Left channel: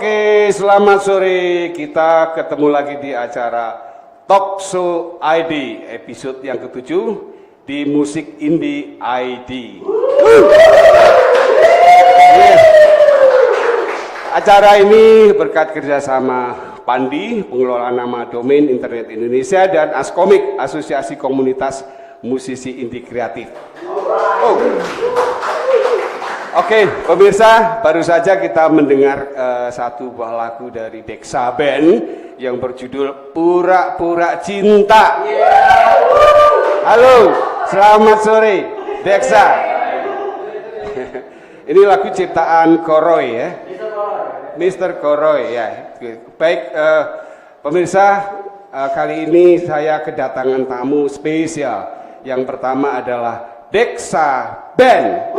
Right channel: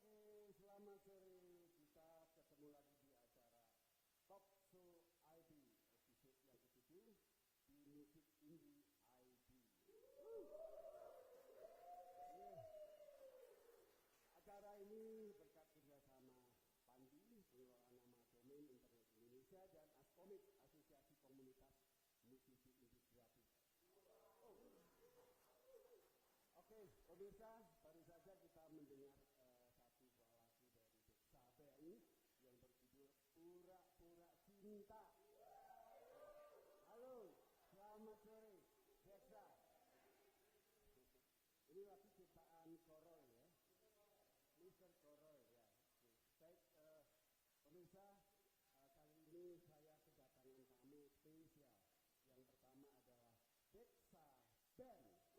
Oke, selamat sore. Kita ketemu lagi di acara Talk Show ID, episode yang ke-7 di Musik Indie ID. Acara ini berkat kerjasama Pandi, pengelola nama domain internet Indonesia, dan Askomik, Asosiasi Komunitas Musisi Indie Kreatif. Oke, pemirsa, baru saja kita mendengar satu buah lagu dari Deksa Band yang berjudul Pura-Pura Cinta. Halo, selamat sore, Deksa. Ini lagu ciptaan Koroy ya, Mr. Koroy ya. Baik, pemirsa, kali ini saya kedatangan tamu spesial. Yang pertama adalah Deksa Band.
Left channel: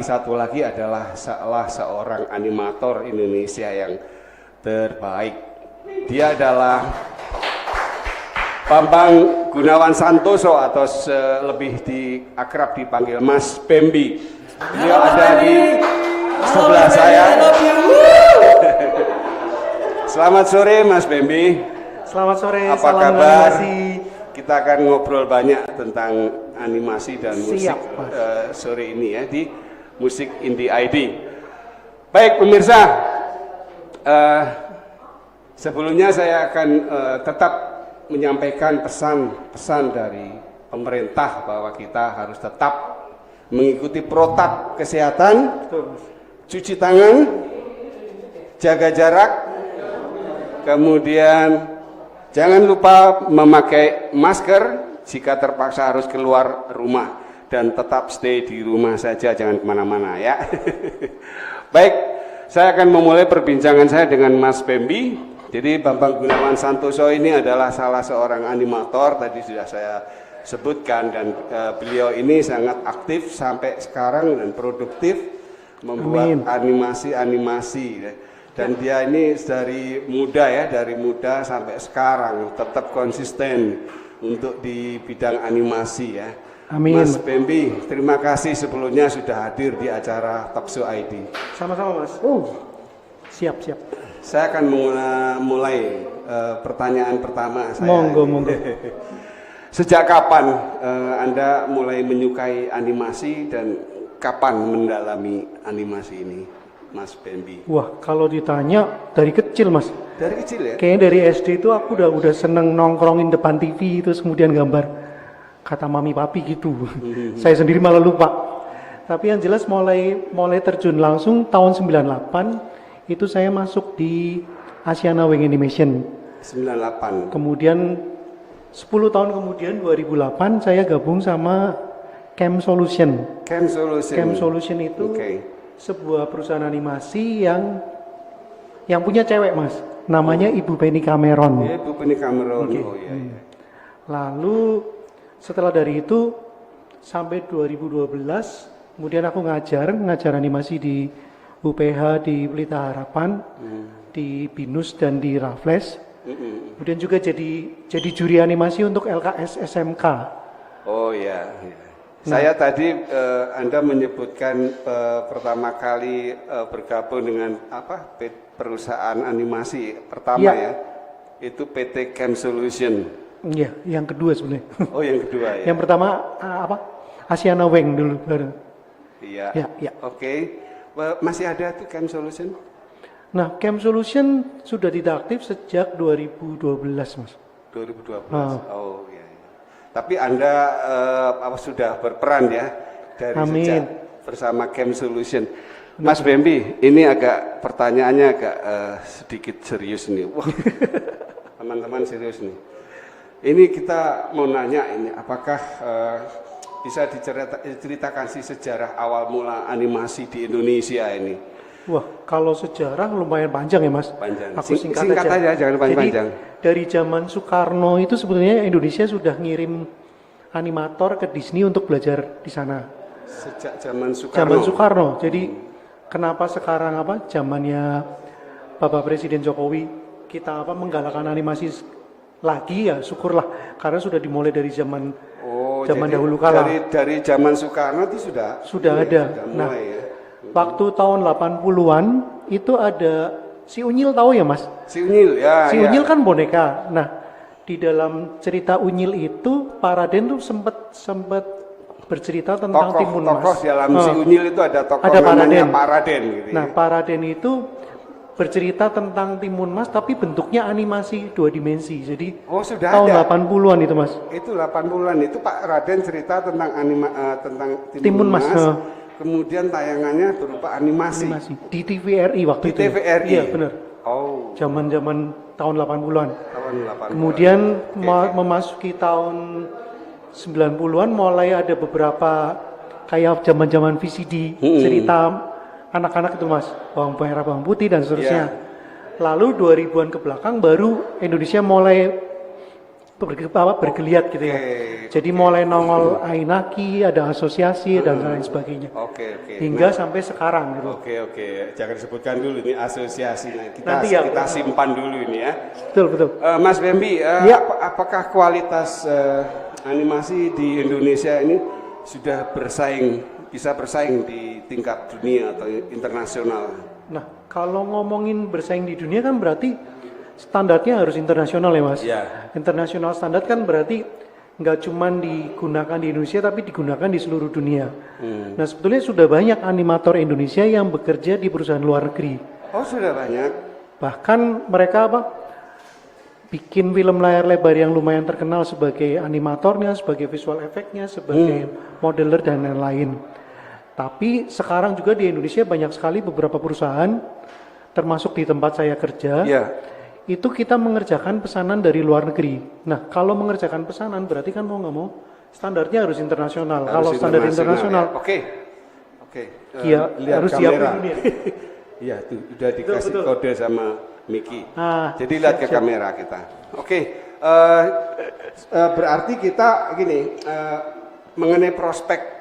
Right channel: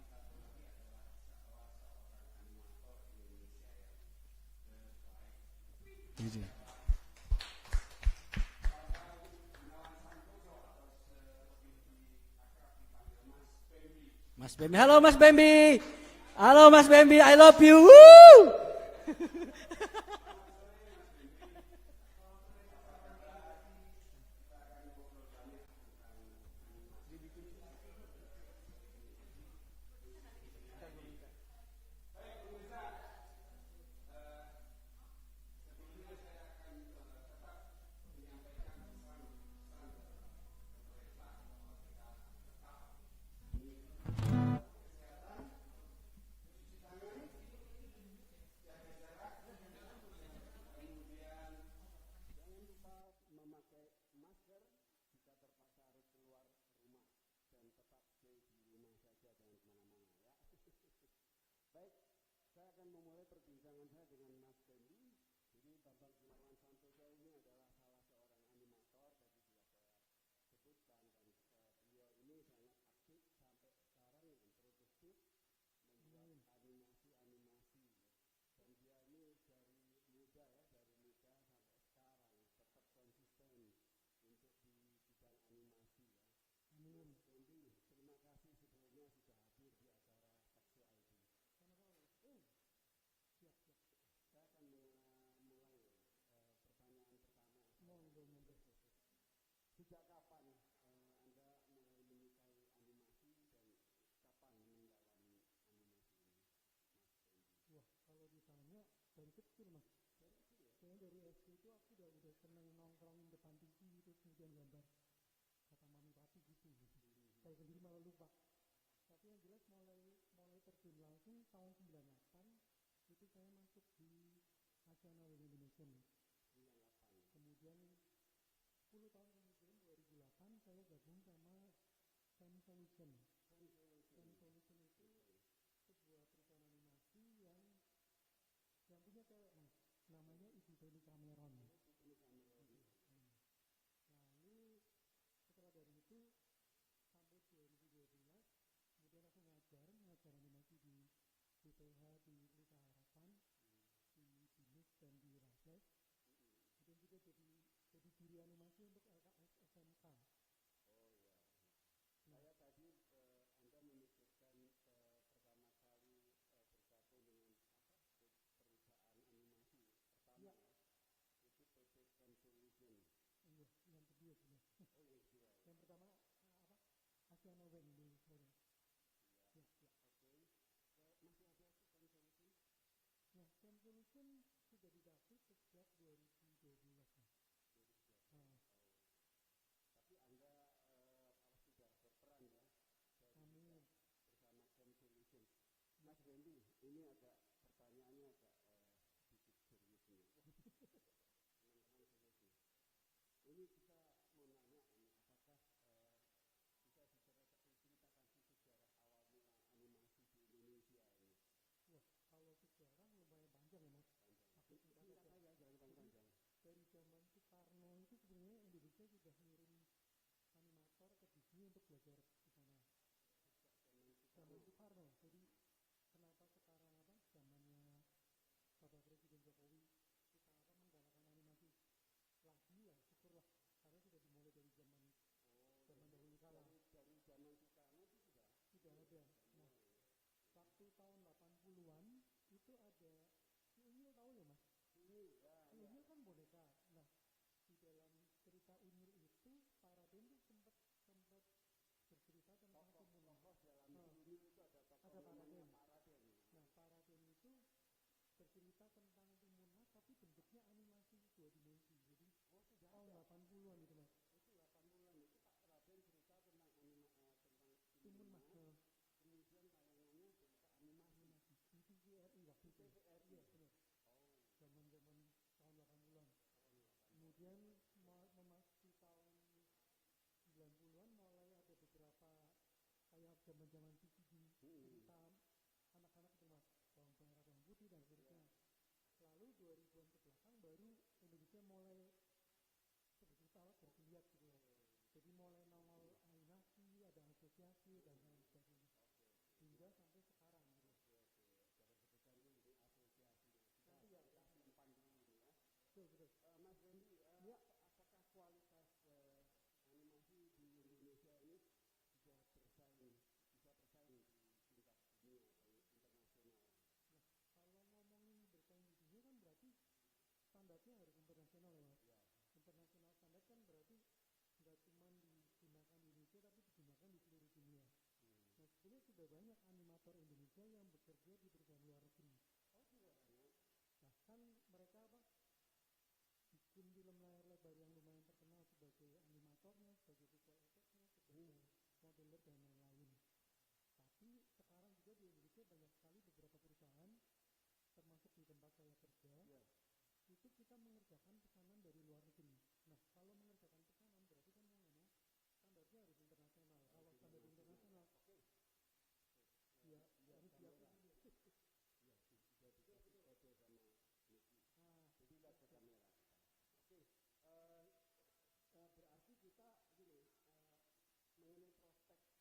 Satu lagi adalah salah seorang animator Indonesia yang terbaik. Dia adalah Bambang Gunawan Santoso atau lebih akrab dipanggil Mas Bembi. Halo Mas Bembi. Halo Mas Bembi, I love you. Selamat sore Mas Bembi. Selamat sore. Apa salam kabar? animasi. Kita akan ngobrol banyak tentang animasi dan musik sore ini ya di Musik Indie ID. Baik pemirsa, sebelumnya saya akan tetap menyampaikan pesan-pesan dari pemerintah bahwa kita harus tetap mengikuti protap kesehatan, cuci tangan, jaga jarak, kemudian jangan lupa memakai masker jika terpaksa harus keluar rumah, dan tetap stay di rumah saja, jangan kemana-mana ya. Baik, saya akan memulai perbincangan saya dengan Mas Bembi. Jadi Bambang Gunawan Santoso ini adalah salah seorang animator, tadi sudah saya sebutkan, dan beliau ini sangat aktif sampai sekarang dan produktif membuat animasi-animasi. Dan dia ini dari muda sampai sekarang tetap konsisten untuk di bidang animasi ya. Amin. Mas Bembi, terima kasih sebelumnya sudah hadir di acara Talk Show ID. Sama-sama Mas. Siap. Saya akan mulai pertanyaan pertama saya. Monggo. Sejak kapan Anda mulai menyukai animasi dan kapan mendalami animasi ini, Mas Bembi? Wah, kalau ditanya dari kecil Mas. Dari kecil ya? Kayaknya dari SD itu aku udah seneng nongkrongin depan TV, terus kemudian gambar kata mami papi gitu. Saya sendiri malah lupa. Tapi yang jelas mulai terjun langsung tahun 98 itu saya masuk di Asiana Wing Animation. 98. Kemudian 10 tahun kemudian 2008 saya gabung sama Cam Solution. Cam Solution itu sebuah perusahaan animasi yang punya cewek Mas. Namanya Ibu Penny Cameron. Ya, Ibu Penny Cameron. Okay. Oh iya. Lalu setelah dari itu sampai 2012 kemudian aku ngajar animasi di UPH di Pelita Harapan, di BINUS dan di Raffles. Kemudian juga jadi juri animasi untuk LKS SMK. Oh iya. Saya tadi Anda menyebutkan pertama kali bergabung dengan perusahaan animasi pertama ya. Itu PT Cam Solution. Iya, yang kedua sebenarnya. Oh, yang kedua ya. Yang pertama Asiana Wing dulu baru. Iya. Ya. Oke. Masih ada tuh Cam Solution? Nah, Cam Solution sudah tidak aktif sejak 2012, Mas. 2012. Oh iya. Tapi Anda sudah berperan ya dari sejak bersama Cam Solution. Mas Bembi, ini pertanyaannya agak sedikit serius nih. Wah, teman-teman serius nih. Ini kita mau nanya ini, apakah bisa diceritakan sih sejarah awal mula animasi di Indonesia ini? Wah, kalau sejarah lumayan panjang ya Mas. Panjang. Aku singkat aja, jangan panjang. Jadi dari zaman Soekarno itu sebetulnya Indonesia sudah ngirim animator ke Disney untuk belajar di sana. Sejak zaman Soekarno. Zaman Soekarno. Jadi kenapa sekarang zamannya Bapak Presiden Jokowi kita menggalakkan animasi lagi ya syukurlah karena sudah dimulai dari zaman Oh, zaman jadi dahulu kala. dari zaman Soekarno itu sudah ada. sudah Nah, mulai ya. waktu tahun 80-an itu ada si Unyil, tahu ya Mas? Si Unyil ya. Si ya. Unyil kan boneka. Nah, di dalam cerita Unyil itu Pak Raden tuh sempat bercerita tentang Timun Mas. Tokoh dalam si Unyil itu ada tokoh Ada Pak namanya Raden. Pak Raden gitu. Nah, Pak Raden itu bercerita tentang Timun Mas tapi bentuknya animasi 2 dimensi. Jadi Oh, sudah tahun ada. 80-an itu Mas. Itu 80-an itu Pak Raden cerita tentang tentang Timun Mas, kemudian tayangannya berupa animasi. di TVRI waktu Di itu. ya? TVRI. Iya, benar. Oh, Zaman-zaman tahun 80-an. tahun 80-an. Kemudian memasuki tahun 90-an mulai ada beberapa kayak zaman-zaman VCD cerita anak-anak itu Mas, bawang merah, bawang putih dan seterusnya. Lalu 2000-an ke belakang baru Indonesia mulai bergeliat gitu ya. Jadi mulai nongol Ainaki, ada asosiasi dan lain sebagainya. Oke. Hingga sampai sekarang gitu. Oke. Jangan disebutkan dulu ini asosiasinya. Nanti ya. Kita simpan dulu ini ya. Betul. Mas Bambi, Ya. apakah kualitas animasi di Indonesia ini sudah bisa bersaing di tingkat dunia atau internasional? Nah, kalau ngomongin bersaing di dunia kan berarti standarnya harus internasional ya Mas. Ya. Internasional standar kan berarti nggak cuma digunakan di Indonesia tapi digunakan di seluruh dunia. Nah, sebetulnya sudah banyak animator Indonesia yang bekerja di perusahaan luar negeri. Oh, sudah banyak. Bahkan mereka bikin film layar lebar yang lumayan terkenal sebagai animatornya, sebagai visual efeknya, sebagai modeler dan lain-lain. Tapi sekarang juga di Indonesia banyak sekali beberapa perusahaan, termasuk di tempat saya kerja, itu kita mengerjakan pesanan dari luar negeri. Nah, kalau mengerjakan pesanan berarti kan mau nggak mau standarnya harus internasional. Kalau standar internasional, ya. Oke. Iya, Lihat harus kamera. siapin dunia. Iya, tuh udah dikasih Betul. kode sama Miki. Jadi Siap, lihat ke kamera kita. Oke. Berarti kita gini, mengenai prospek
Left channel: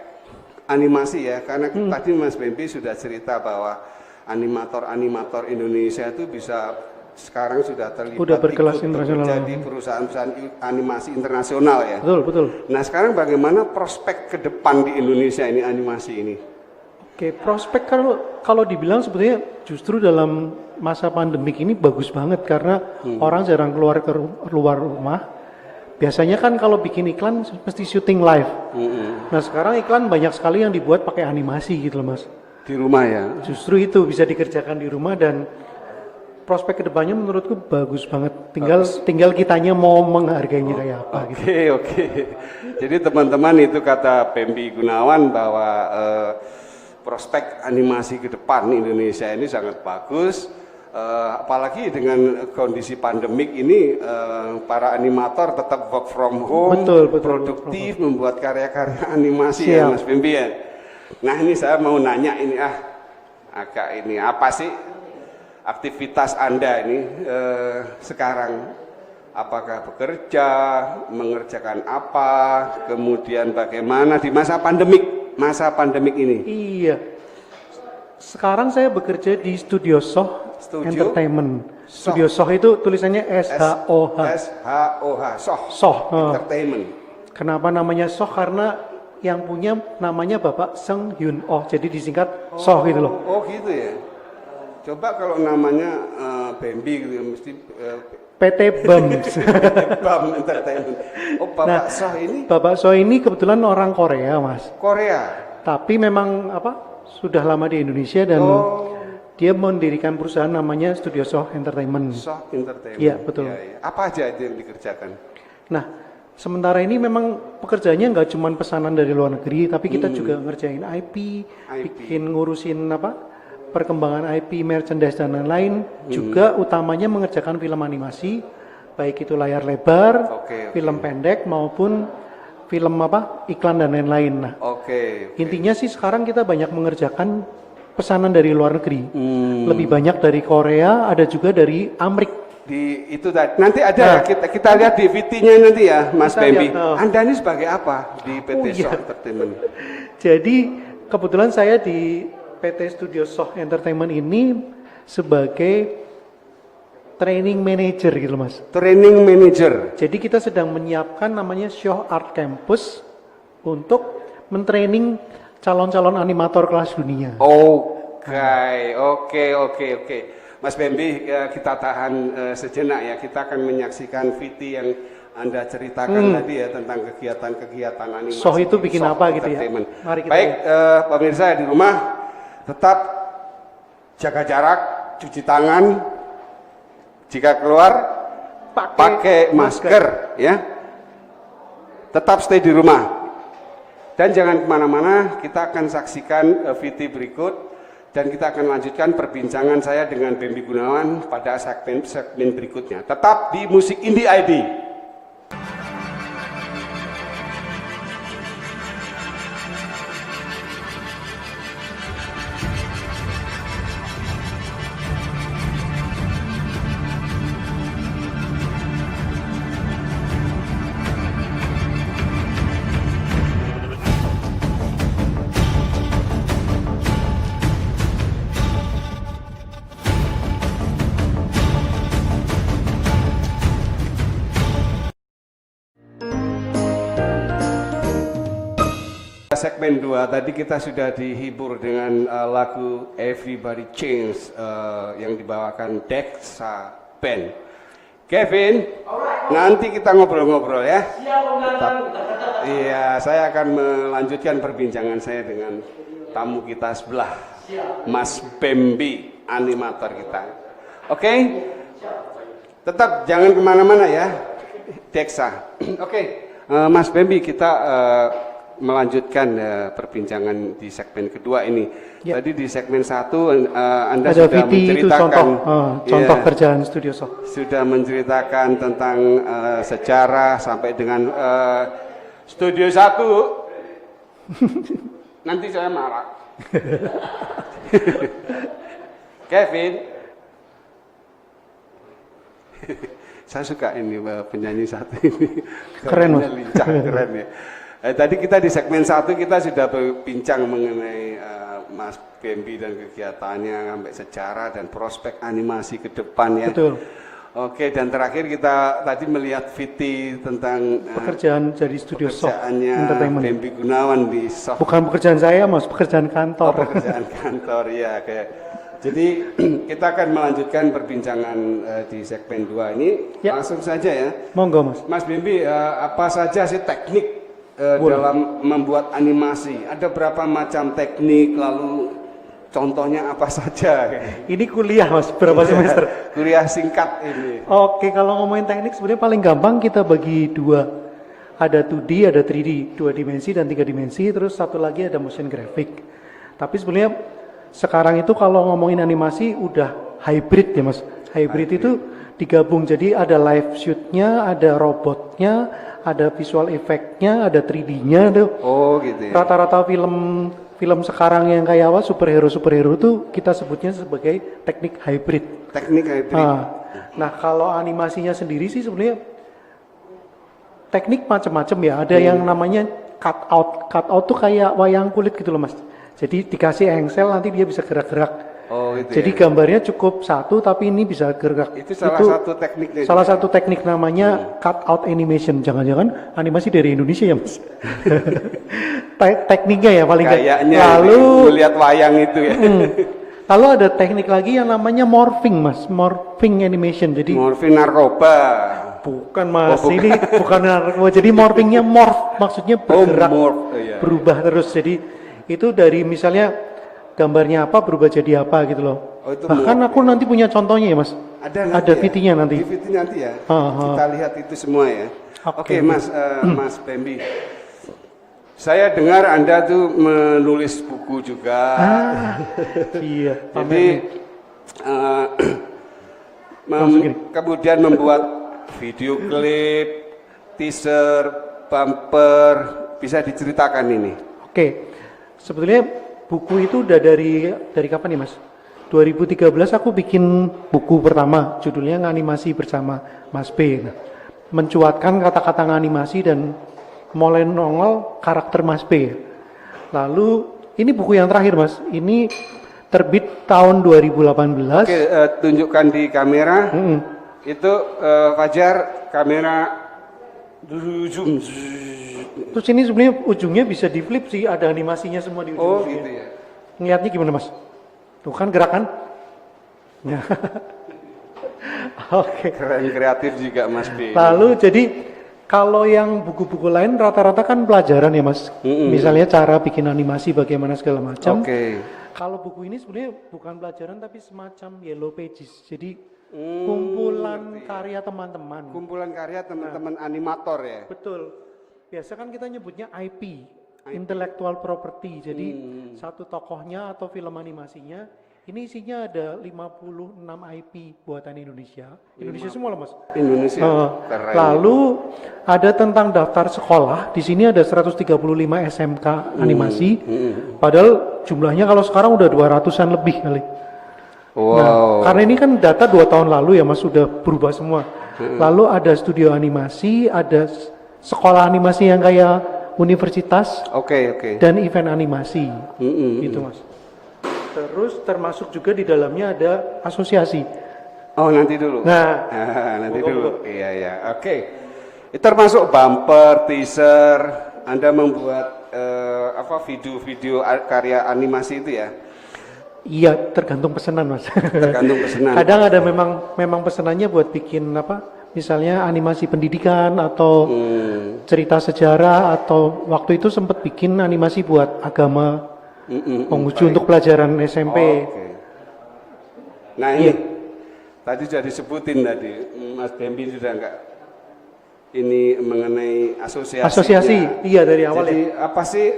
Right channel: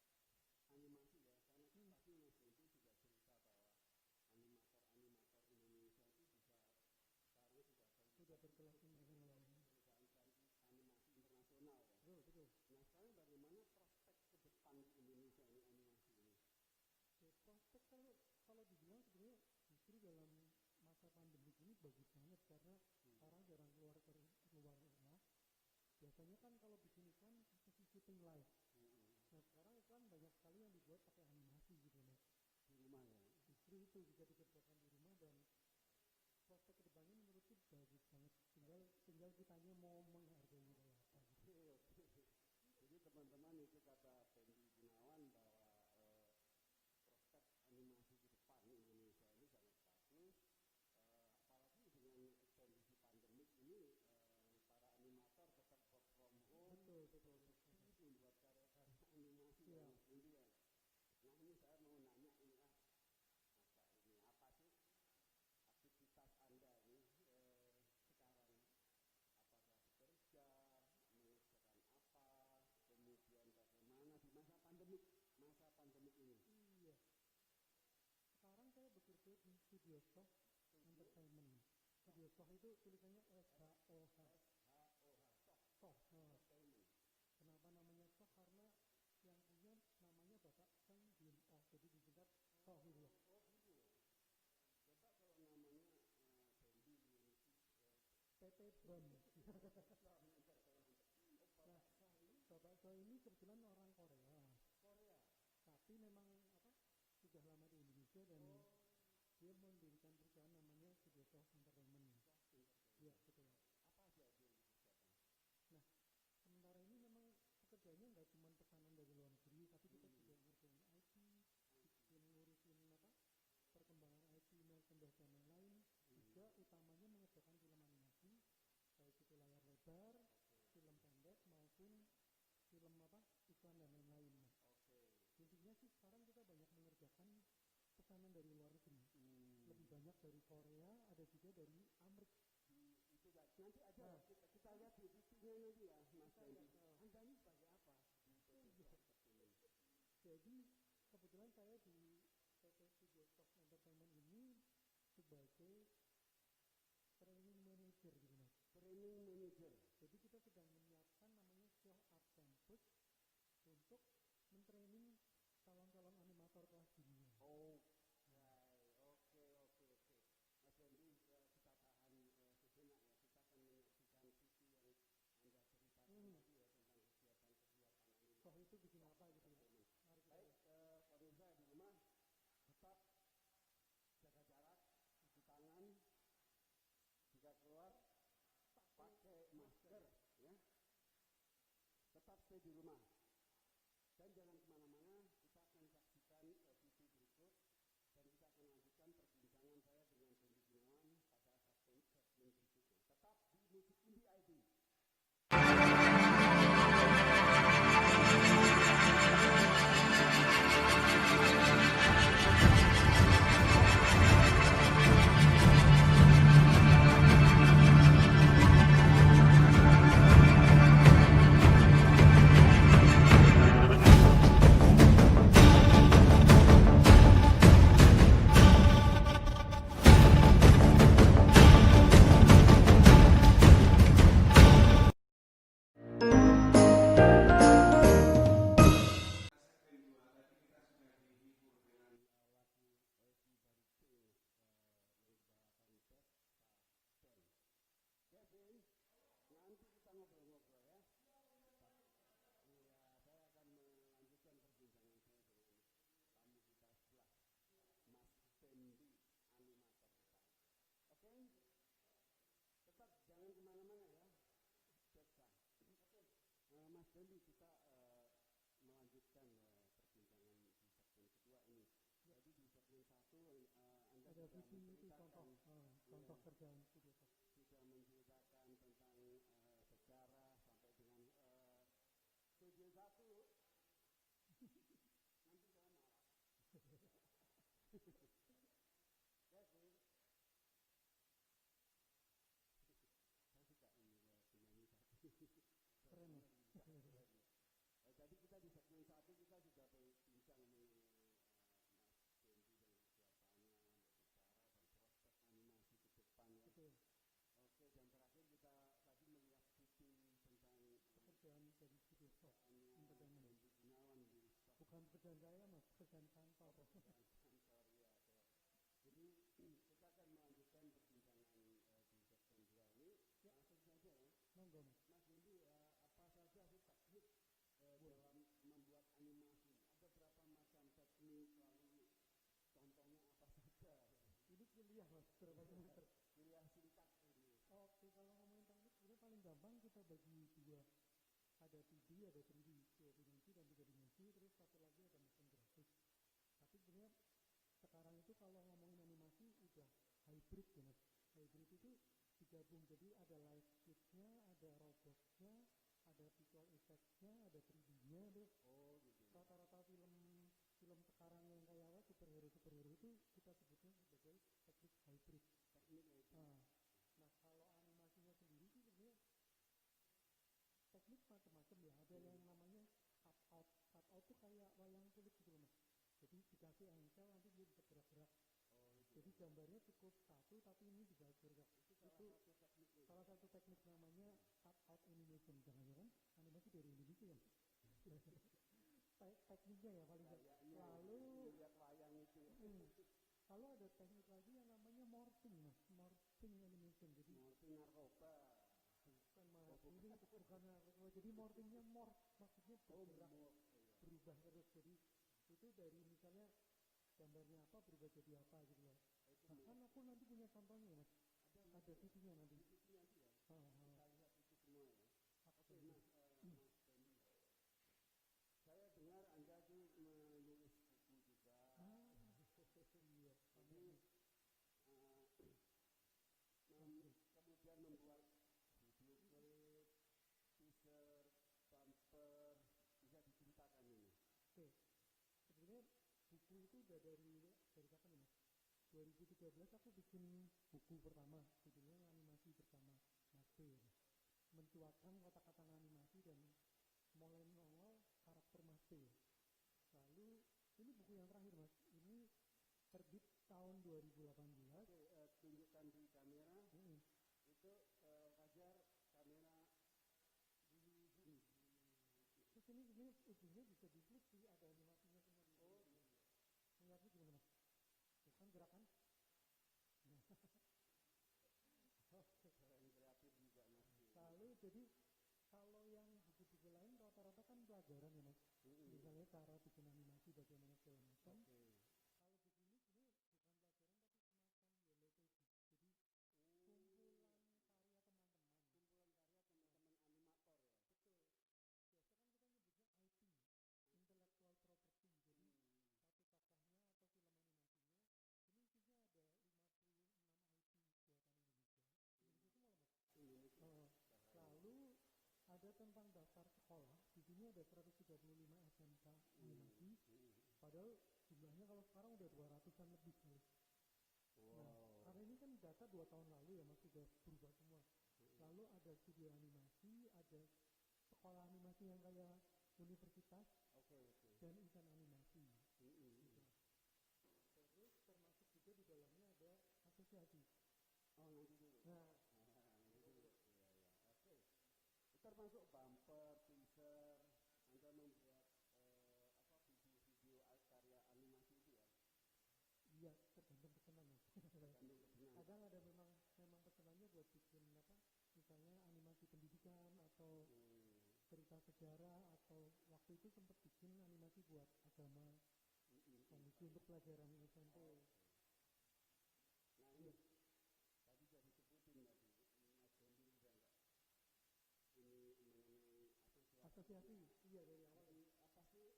animasi ya, karena tadi Mas Bambi sudah cerita bahwa animator Indonesia itu bisa sekarang sudah terlibat Udah berkelas ikut internasional. bekerja di perusahaan-perusahaan animasi internasional ya. Betul. Nah, sekarang bagaimana prospek ke depan di Indonesia ini animasi ini? Oke, prospek kalau dibilang sebetulnya justru dalam masa pandemik ini bagus banget karena orang jarang keluar rumah. Biasanya kan kalau bikin iklan mesti syuting live. Nah, sekarang iklan banyak sekali yang dibuat pakai animasi gitu loh Mas. Di rumah ya. Justru itu bisa dikerjakan di rumah dan prospek kedepannya menurutku bagus banget. Tinggal kitanya mau menghargainya kayak apa gitu. Oke. Jadi teman-teman itu kata Bambi Gunawan bahwa prospek animasi ke depan Indonesia ini sangat bagus. Apalagi dengan kondisi pandemik ini para animator tetap work from home, Betul, produktif membuat karya-karya animasi ya Mas Bambi ya. Nah, ini saya mau nanya ini agak ini apa sih aktivitas Anda ini sekarang? Apakah bekerja, mengerjakan apa, kemudian bagaimana di masa pandemik ini? Iya. Sekarang saya bekerja di Studio Soh Entertainment. Studio Soh itu tulisannya SHOH. SHOH, Soh. Entertainment. Kenapa namanya Soh? Karena yang punya namanya Bapak Seng Hyun Oh. Jadi disingkat Soh gitu loh. Oh gitu ya. Coba kalau namanya Bambi gitu mesti PT BAM. BAM Entertainment. Oh, Bapak Soh ini? Bapak Soh ini kebetulan orang Korea, Mas. Korea. Tapi memang sudah lama di Indonesia dan dia mendirikan perusahaan namanya Studio Soh Entertainment. Soh Entertainment. Iya, betul. Ya. Apa aja itu yang dikerjakan? Nah, sementara ini memang pekerjaannya nggak cuma pesanan dari luar negeri, tapi kita juga ngerjain IP, bikin ngurusin perkembangan IP, merchandise dan lain-lain. Juga utamanya mengerjakan film animasi, baik itu layar lebar, film pendek maupun film iklan dan lain-lain. Nah, intinya sih sekarang kita banyak mengerjakan pesanan dari luar negeri. Lebih banyak dari Korea, ada juga dari Amerika. Itu tadi. Nanti ada kita lihat di VT-nya nanti ya, Mas Bambi. Anda ini sebagai apa di PT Soh Entertainment? Jadi kebetulan saya di PT Studio Soh Entertainment ini sebagai training manager gitu Mas. Training manager. Jadi kita sedang menyiapkan namanya Show Art Campus untuk mentraining calon-calon animator kelas dunia. Oke. Mas Bambi, kita tahan sejenak ya. Kita akan menyaksikan VT yang Anda ceritakan tadi ya tentang kegiatan-kegiatan animasi. Soh itu bikin apa gitu ya? Mari kita baik, pemirsa di rumah, tetap jaga jarak, cuci tangan, jika keluar pakai masker ya. Tetap stay di rumah. Dan jangan kemana-mana, kita akan saksikan VT berikut. Dan kita akan lanjutkan perbincangan saya dengan Bambi Gunawan pada segmen berikutnya. Tetap di Musik Indie ID. Segmen 2 tadi kita sudah dihibur dengan lagu Everybody Change yang dibawakan Dexa Band. Kevin, nanti kita ngobrol-ngobrol ya. Iya, saya akan melanjutkan perbincangan saya dengan tamu kita sebelah, Mas Bambi, animator kita. Oke? Tetap jangan kemana-mana ya, Dexa. Oke, Mas Bambi, kita melanjutkan perbincangan di segmen kedua ini. Ya. Tadi di segmen 1 Anda ada sudah menceritakan contoh kerjaan Studio Soh. Sudah menceritakan tentang sejarah sampai dengan Studio 1. Nanti saya marah. Kevin. Saya suka ini penyanyi satu ini. Keren, lincah, keren ya. Tadi kita di segmen 1 kita sudah berbincang mengenai Mas Bambi dan kegiatannya sampai sejarah dan prospek animasi ke depan ya. Betul. Oke, dan terakhir kita tadi melihat VT tentang pekerjaan jadi Studio Soh Entertainment. Bambi Gunawan di Soh. Bukan pekerjaan saya, Mas, pekerjaan kantor. Pekerjaan kantor ya, kayak. Jadi kita akan melanjutkan perbincangan di segmen 2 ini. Ya. Langsung saja ya. Monggo, Mas. Mas Bambi, apa saja sih teknik dalam membuat animasi? Ada berapa macam teknik, lalu contohnya apa saja? Ini kuliah, Mas, berapa semester? Kuliah singkat ini. Oke, kalau ngomongin teknik sebenarnya paling gampang kita bagi dua. Ada 2D, ada 3D, 2 dimensi dan 3 dimensi, terus satu lagi ada motion graphic. Tapi sebenarnya sekarang itu kalau ngomongin animasi udah hybrid ya, Mas. Hybrid itu digabung, jadi ada live shoot-nya, ada robotnya, ada visual effect-nya, ada 3D-nya tuh. Oh gitu ya. Rata-rata film sekarang yang kayak apa superhero tuh kita sebutnya sebagai teknik hybrid. Teknik hybrid. Nah kalau animasinya sendiri sih sebenarnya teknik macam-macam ya. Ada yang namanya cut out. Cut out tuh kayak wayang kulit gitu loh, Mas. Jadi dikasih engsel nanti dia bisa gerak-gerak. Oh, gitu. Jadi ya? Gambarnya cukup satu tapi ini bisa gerak. Itu satu tekniknya. Salah satu teknik namanya cut out animation. Jangan-jangan animasi dari Indonesia ya, Mas. Tekniknya ya paling kayaknya. Lalu melihat wayang itu ya. Lalu ada teknik lagi yang namanya morphing, Mas. Morphing animation. Jadi morphing narkoba. Bukan, Mas. Ini bukan narkoba. Jadi morphingnya morph, maksudnya bergerak, berubah terus. Jadi itu dari misalnya gambarnya apa berubah jadi apa gitu loh. Bahkan aku nanti punya contohnya ya, Mas. Ada VT-nya nanti. VT nanti ya. Kita lihat itu semua ya. Oke, Mas Mas Bambi. Saya dengar Anda tuh menulis buku juga. Iya. Jadi kemudian membuat video klip, teaser, bumper, bisa diceritakan ini? Oke. Sebetulnya buku itu udah dari kapan nih, Mas? 2013 aku bikin buku pertama, judulnya Nganimasi Bersama Mas B. Nah, mencuatkan kata-kata nganimasi dan mulai nongol karakter Mas B. Lalu ini buku yang terakhir, Mas. Ini terbit tahun 2018. Oke, tunjukkan di kamera. Itu Fajar, kamera zoom. Terus ini sebenarnya ujungnya bisa di flip sih, ada animasinya semua di Oh ujung-ujungnya. gitu ya. Ngeliatnya gimana mas? Tuh kan gerakan? Ya. Oke. Keren, kreatif juga Mas B. Lalu jadi kalau yang buku-buku lain rata-rata kan pelajaran ya mas. Misalnya cara bikin animasi bagaimana segala macam. Oke. Kalau buku ini sebenarnya bukan pelajaran tapi semacam yellow pages. Jadi kumpulan karya teman-teman. Kumpulan karya teman-teman animator ya. Betul. Biasa kan kita nyebutnya IP, intellectual property. Jadi satu tokohnya atau film animasinya ini isinya ada 56 IP buatan Indonesia. Indonesia semua loh mas. Indonesia. Keren. Lalu ada tentang daftar sekolah. Di sini ada 135 SMK animasi. Padahal jumlahnya kalau sekarang udah 200-an lebih kali. Wow. Nah, karena ini kan data 2 tahun lalu ya mas, sudah berubah semua. Lalu ada studio animasi, ada sekolah animasi yang kayak universitas, Oke. dan event animasi. Gitu mas. Terus termasuk juga di dalamnya ada asosiasi. Oh nanti dulu. Nah, Nanti dulu. Iya. Oke. Itu termasuk bumper, teaser. Anda membuat video-video karya animasi itu ya? iya tergantung pesanan mas. Tergantung pesanan. Kadang ada memang pesanannya buat bikin misalnya animasi pendidikan atau cerita sejarah, atau waktu itu sempat bikin animasi buat agama. Penguji untuk pelajaran SMP. Oke. Nah ini tadi sudah disebutin tadi, Mas Bembi sudah enggak ini mengenai asosiasi. Asosiasi, iya dari awal. Jadi apa sih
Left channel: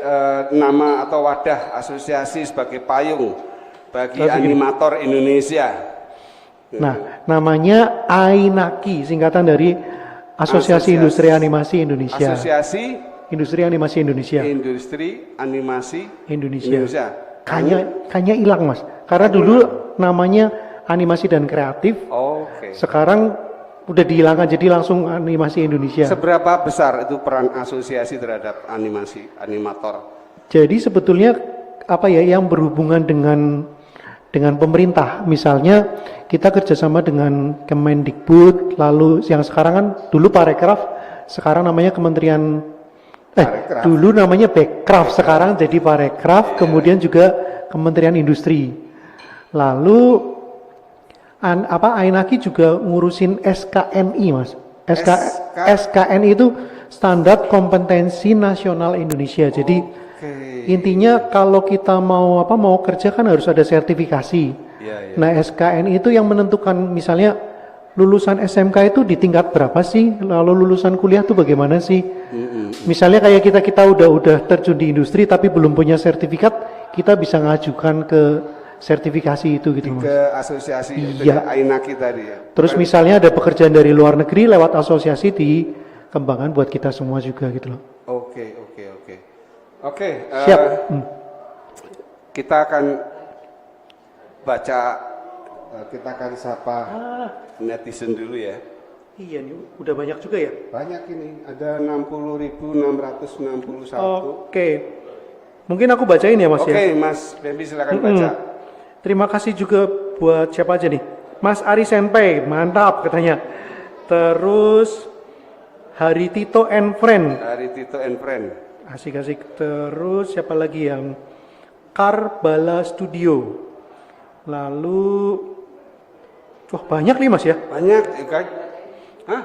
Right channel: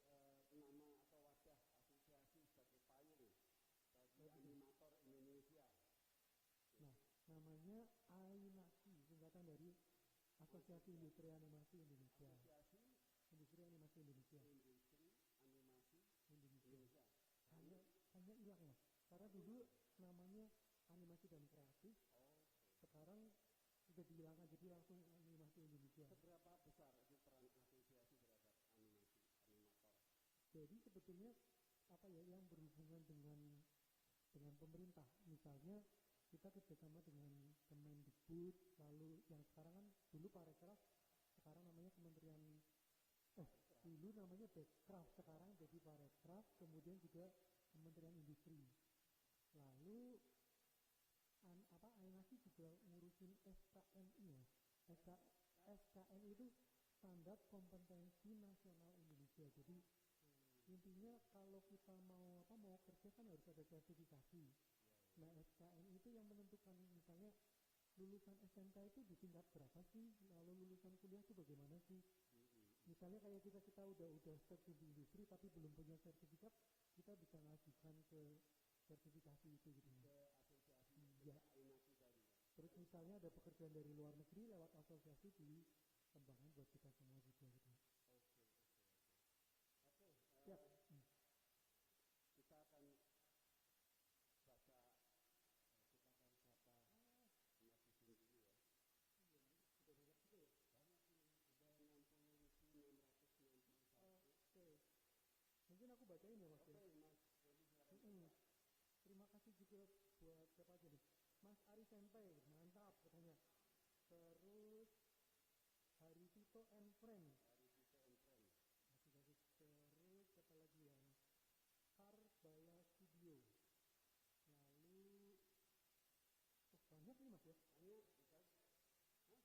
nama atau wadah asosiasi sebagai payung bagi animator Indonesia? Nah, namanya AINAKI, singkatan dari Asosiasi Industri Animasi Indonesia. Asosiasi Industri Animasi Indonesia. Industri Animasi Indonesia. Kayaknya hilang mas. Karena dulu namanya animasi dan kreatif. Oke. Sekarang udah dihilangkan jadi langsung animasi Indonesia. Seberapa besar itu peran asosiasi terhadap animator? Jadi sebetulnya yang berhubungan dengan pemerintah. Misalnya kita kerjasama dengan Kemendikbud, lalu yang sekarang kan dulu Parekraf, sekarang namanya Kementerian dulu namanya Bekraf, sekarang jadi Parekraf, kemudian juga Kementerian Industri. Lalu AINAKI juga ngurusin SKNI mas. SKNI itu Standar Kompetensi Nasional Indonesia. Jadi intinya kalau kita mau kerja kan harus ada sertifikasi. Nah SKNI itu yang menentukan misalnya lulusan SMK itu di tingkat berapa sih, lalu lulusan kuliah itu bagaimana sih. Misalnya kayak kita udah terjun di industri tapi belum punya sertifikat, kita bisa ngajukan ke sertifikasi itu gitu mas. Ke asosiasi itu ya, AINAKI tadi ya. Terus misalnya ada pekerjaan dari luar negeri lewat asosiasi dikembangkan buat kita semua juga gitu loh. Oke. Siap. Kita akan baca, kita akan sapa netizen dulu ya. Iya nih, udah banyak juga ya? Banyak ini, ada 60.661. Oke. Mungkin aku bacain ya mas ya? Oke, Mas Bembi silakan baca. Terima kasih juga buat siapa aja nih? Mas Ari Senpai, mantap katanya. Terus Hari Tito and Friend. Asik-asik. Terus siapa lagi yang Karbala Studio. Lalu banyak nih mas ya? Banyak, kan? Hah?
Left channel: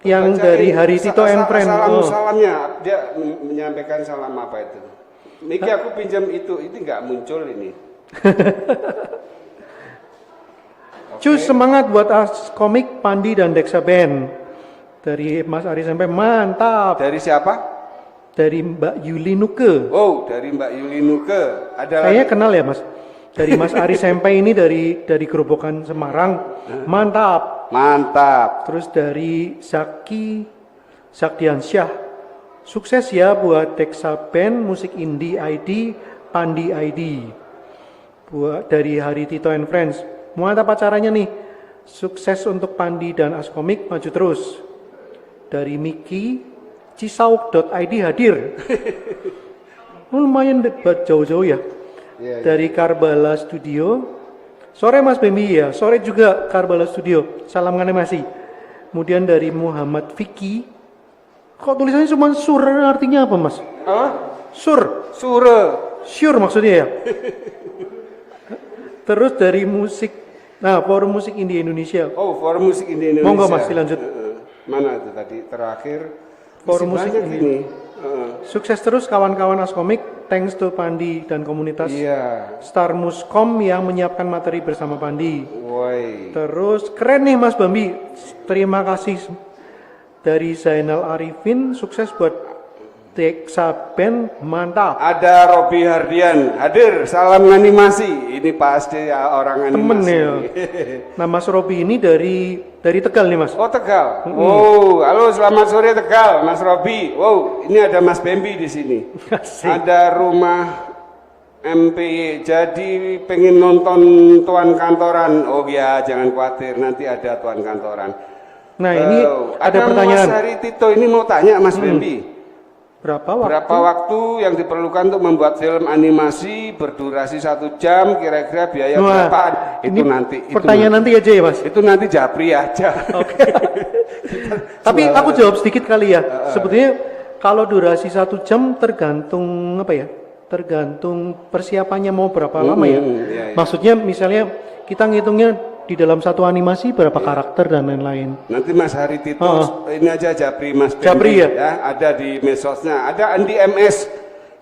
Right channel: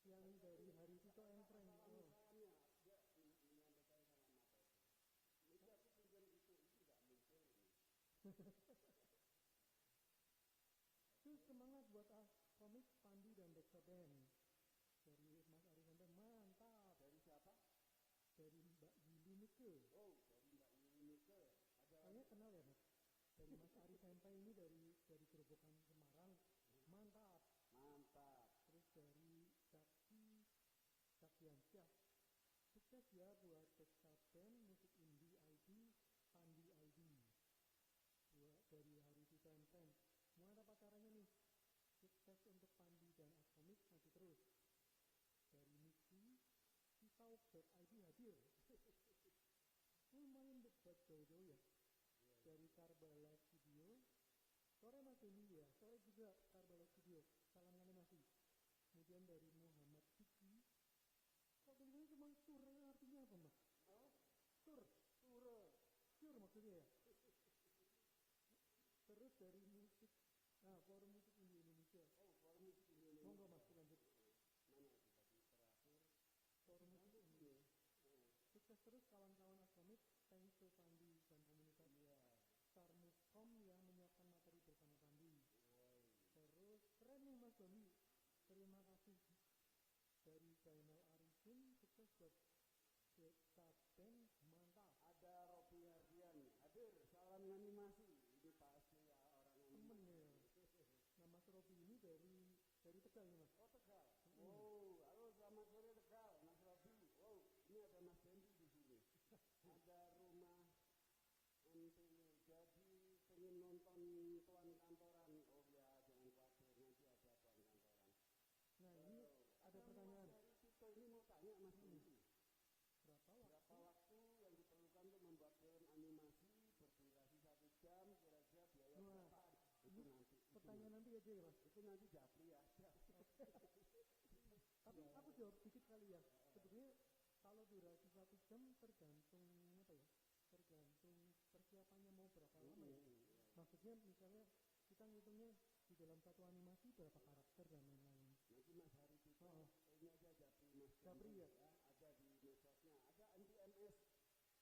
Yang dari Hari Tito and Friend. Salamnya, dia menyampaikan salam apa itu? Niki aku pinjam itu, ini nggak muncul ini. Cus semangat buat komik Pandi dan Deksa Band. Dari Mas Ari sampai mantap. Dari siapa? Dari Mbak Yuli Nuke. Oh, dari Mbak Yuli Nuke. Ada Kayaknya kenal ya mas. Dari Mas Ari Sampai ini dari Gerobokan Semarang. Mantap. Terus dari Zakdiansyah. Sukses ya buat Deksa Band, Musik Indie ID, Pandi ID. Buat dari Hari Tito and Friends. Mantap acaranya nih. Sukses untuk Pandi dan Askomik, maju terus. Dari Miki, Cisauk.id hadir. Lumayan jauh-jauh ya. Dari Karbala Studio. Sore Mas Bembi ya, sore juga Karbala Studio. Salam animasi. Kemudian dari Muhammad Vicky. Kok tulisannya cuma sur, artinya apa mas? Sur. Sure. Sure maksudnya ya? Terus dari musik, nah Forum Musik Indie Indonesia. Oh, Forum Musik Indie Indonesia. Monggo mas, dilanjut. Mana itu tadi terakhir? Forum Masih Musik banyak Indie. ini. Sukses terus kawan-kawan Askomik, thanks to Pandi dan komunitas Iya. Star Muskom yang menyiapkan materi bersama Pandi. Woi. Terus keren nih Mas Bambi, terima kasih dari Zainal Arifin, sukses buat Deksa Band, mantap. Ada Robi Hardian hadir, salam animasi. Ini pasti orang Temen animasi. ya. Nah Mas Robi ini dari Tegal nih Mas. Oh Tegal. Oh, halo selamat sore Tegal, Mas Robi. Wow, ini ada Mas Bambi di sini. Asik. Ada rumah MPY. Jadi pengen nonton Tuan Kantoran. Oh ya, jangan khawatir, nanti ada Tuan Kantoran. Nah ini ada pertanyaan. Mas Hari Tito ini mau tanya Mas Bambi. Berapa waktu? Berapa waktu yang diperlukan untuk membuat film animasi berdurasi 1 jam? Kira-kira biaya Wah, berapa? ini Itu nanti. pertanyaan nanti aja ya Mas. Itu nanti Japri aja. Oke. Tapi aku jawab sedikit kali ya. Sebetulnya kalau durasi 1 jam tergantung apa ya? Tergantung persiapannya mau berapa lama ya. Iya. Maksudnya misalnya kita ngitungnya di dalam satu animasi berapa karakter dan lain-lain. Nanti Mas Hari Tito, ini aja Japri Mas Bambi, Japri ya? ada di medsosnya. Ada Andi MS.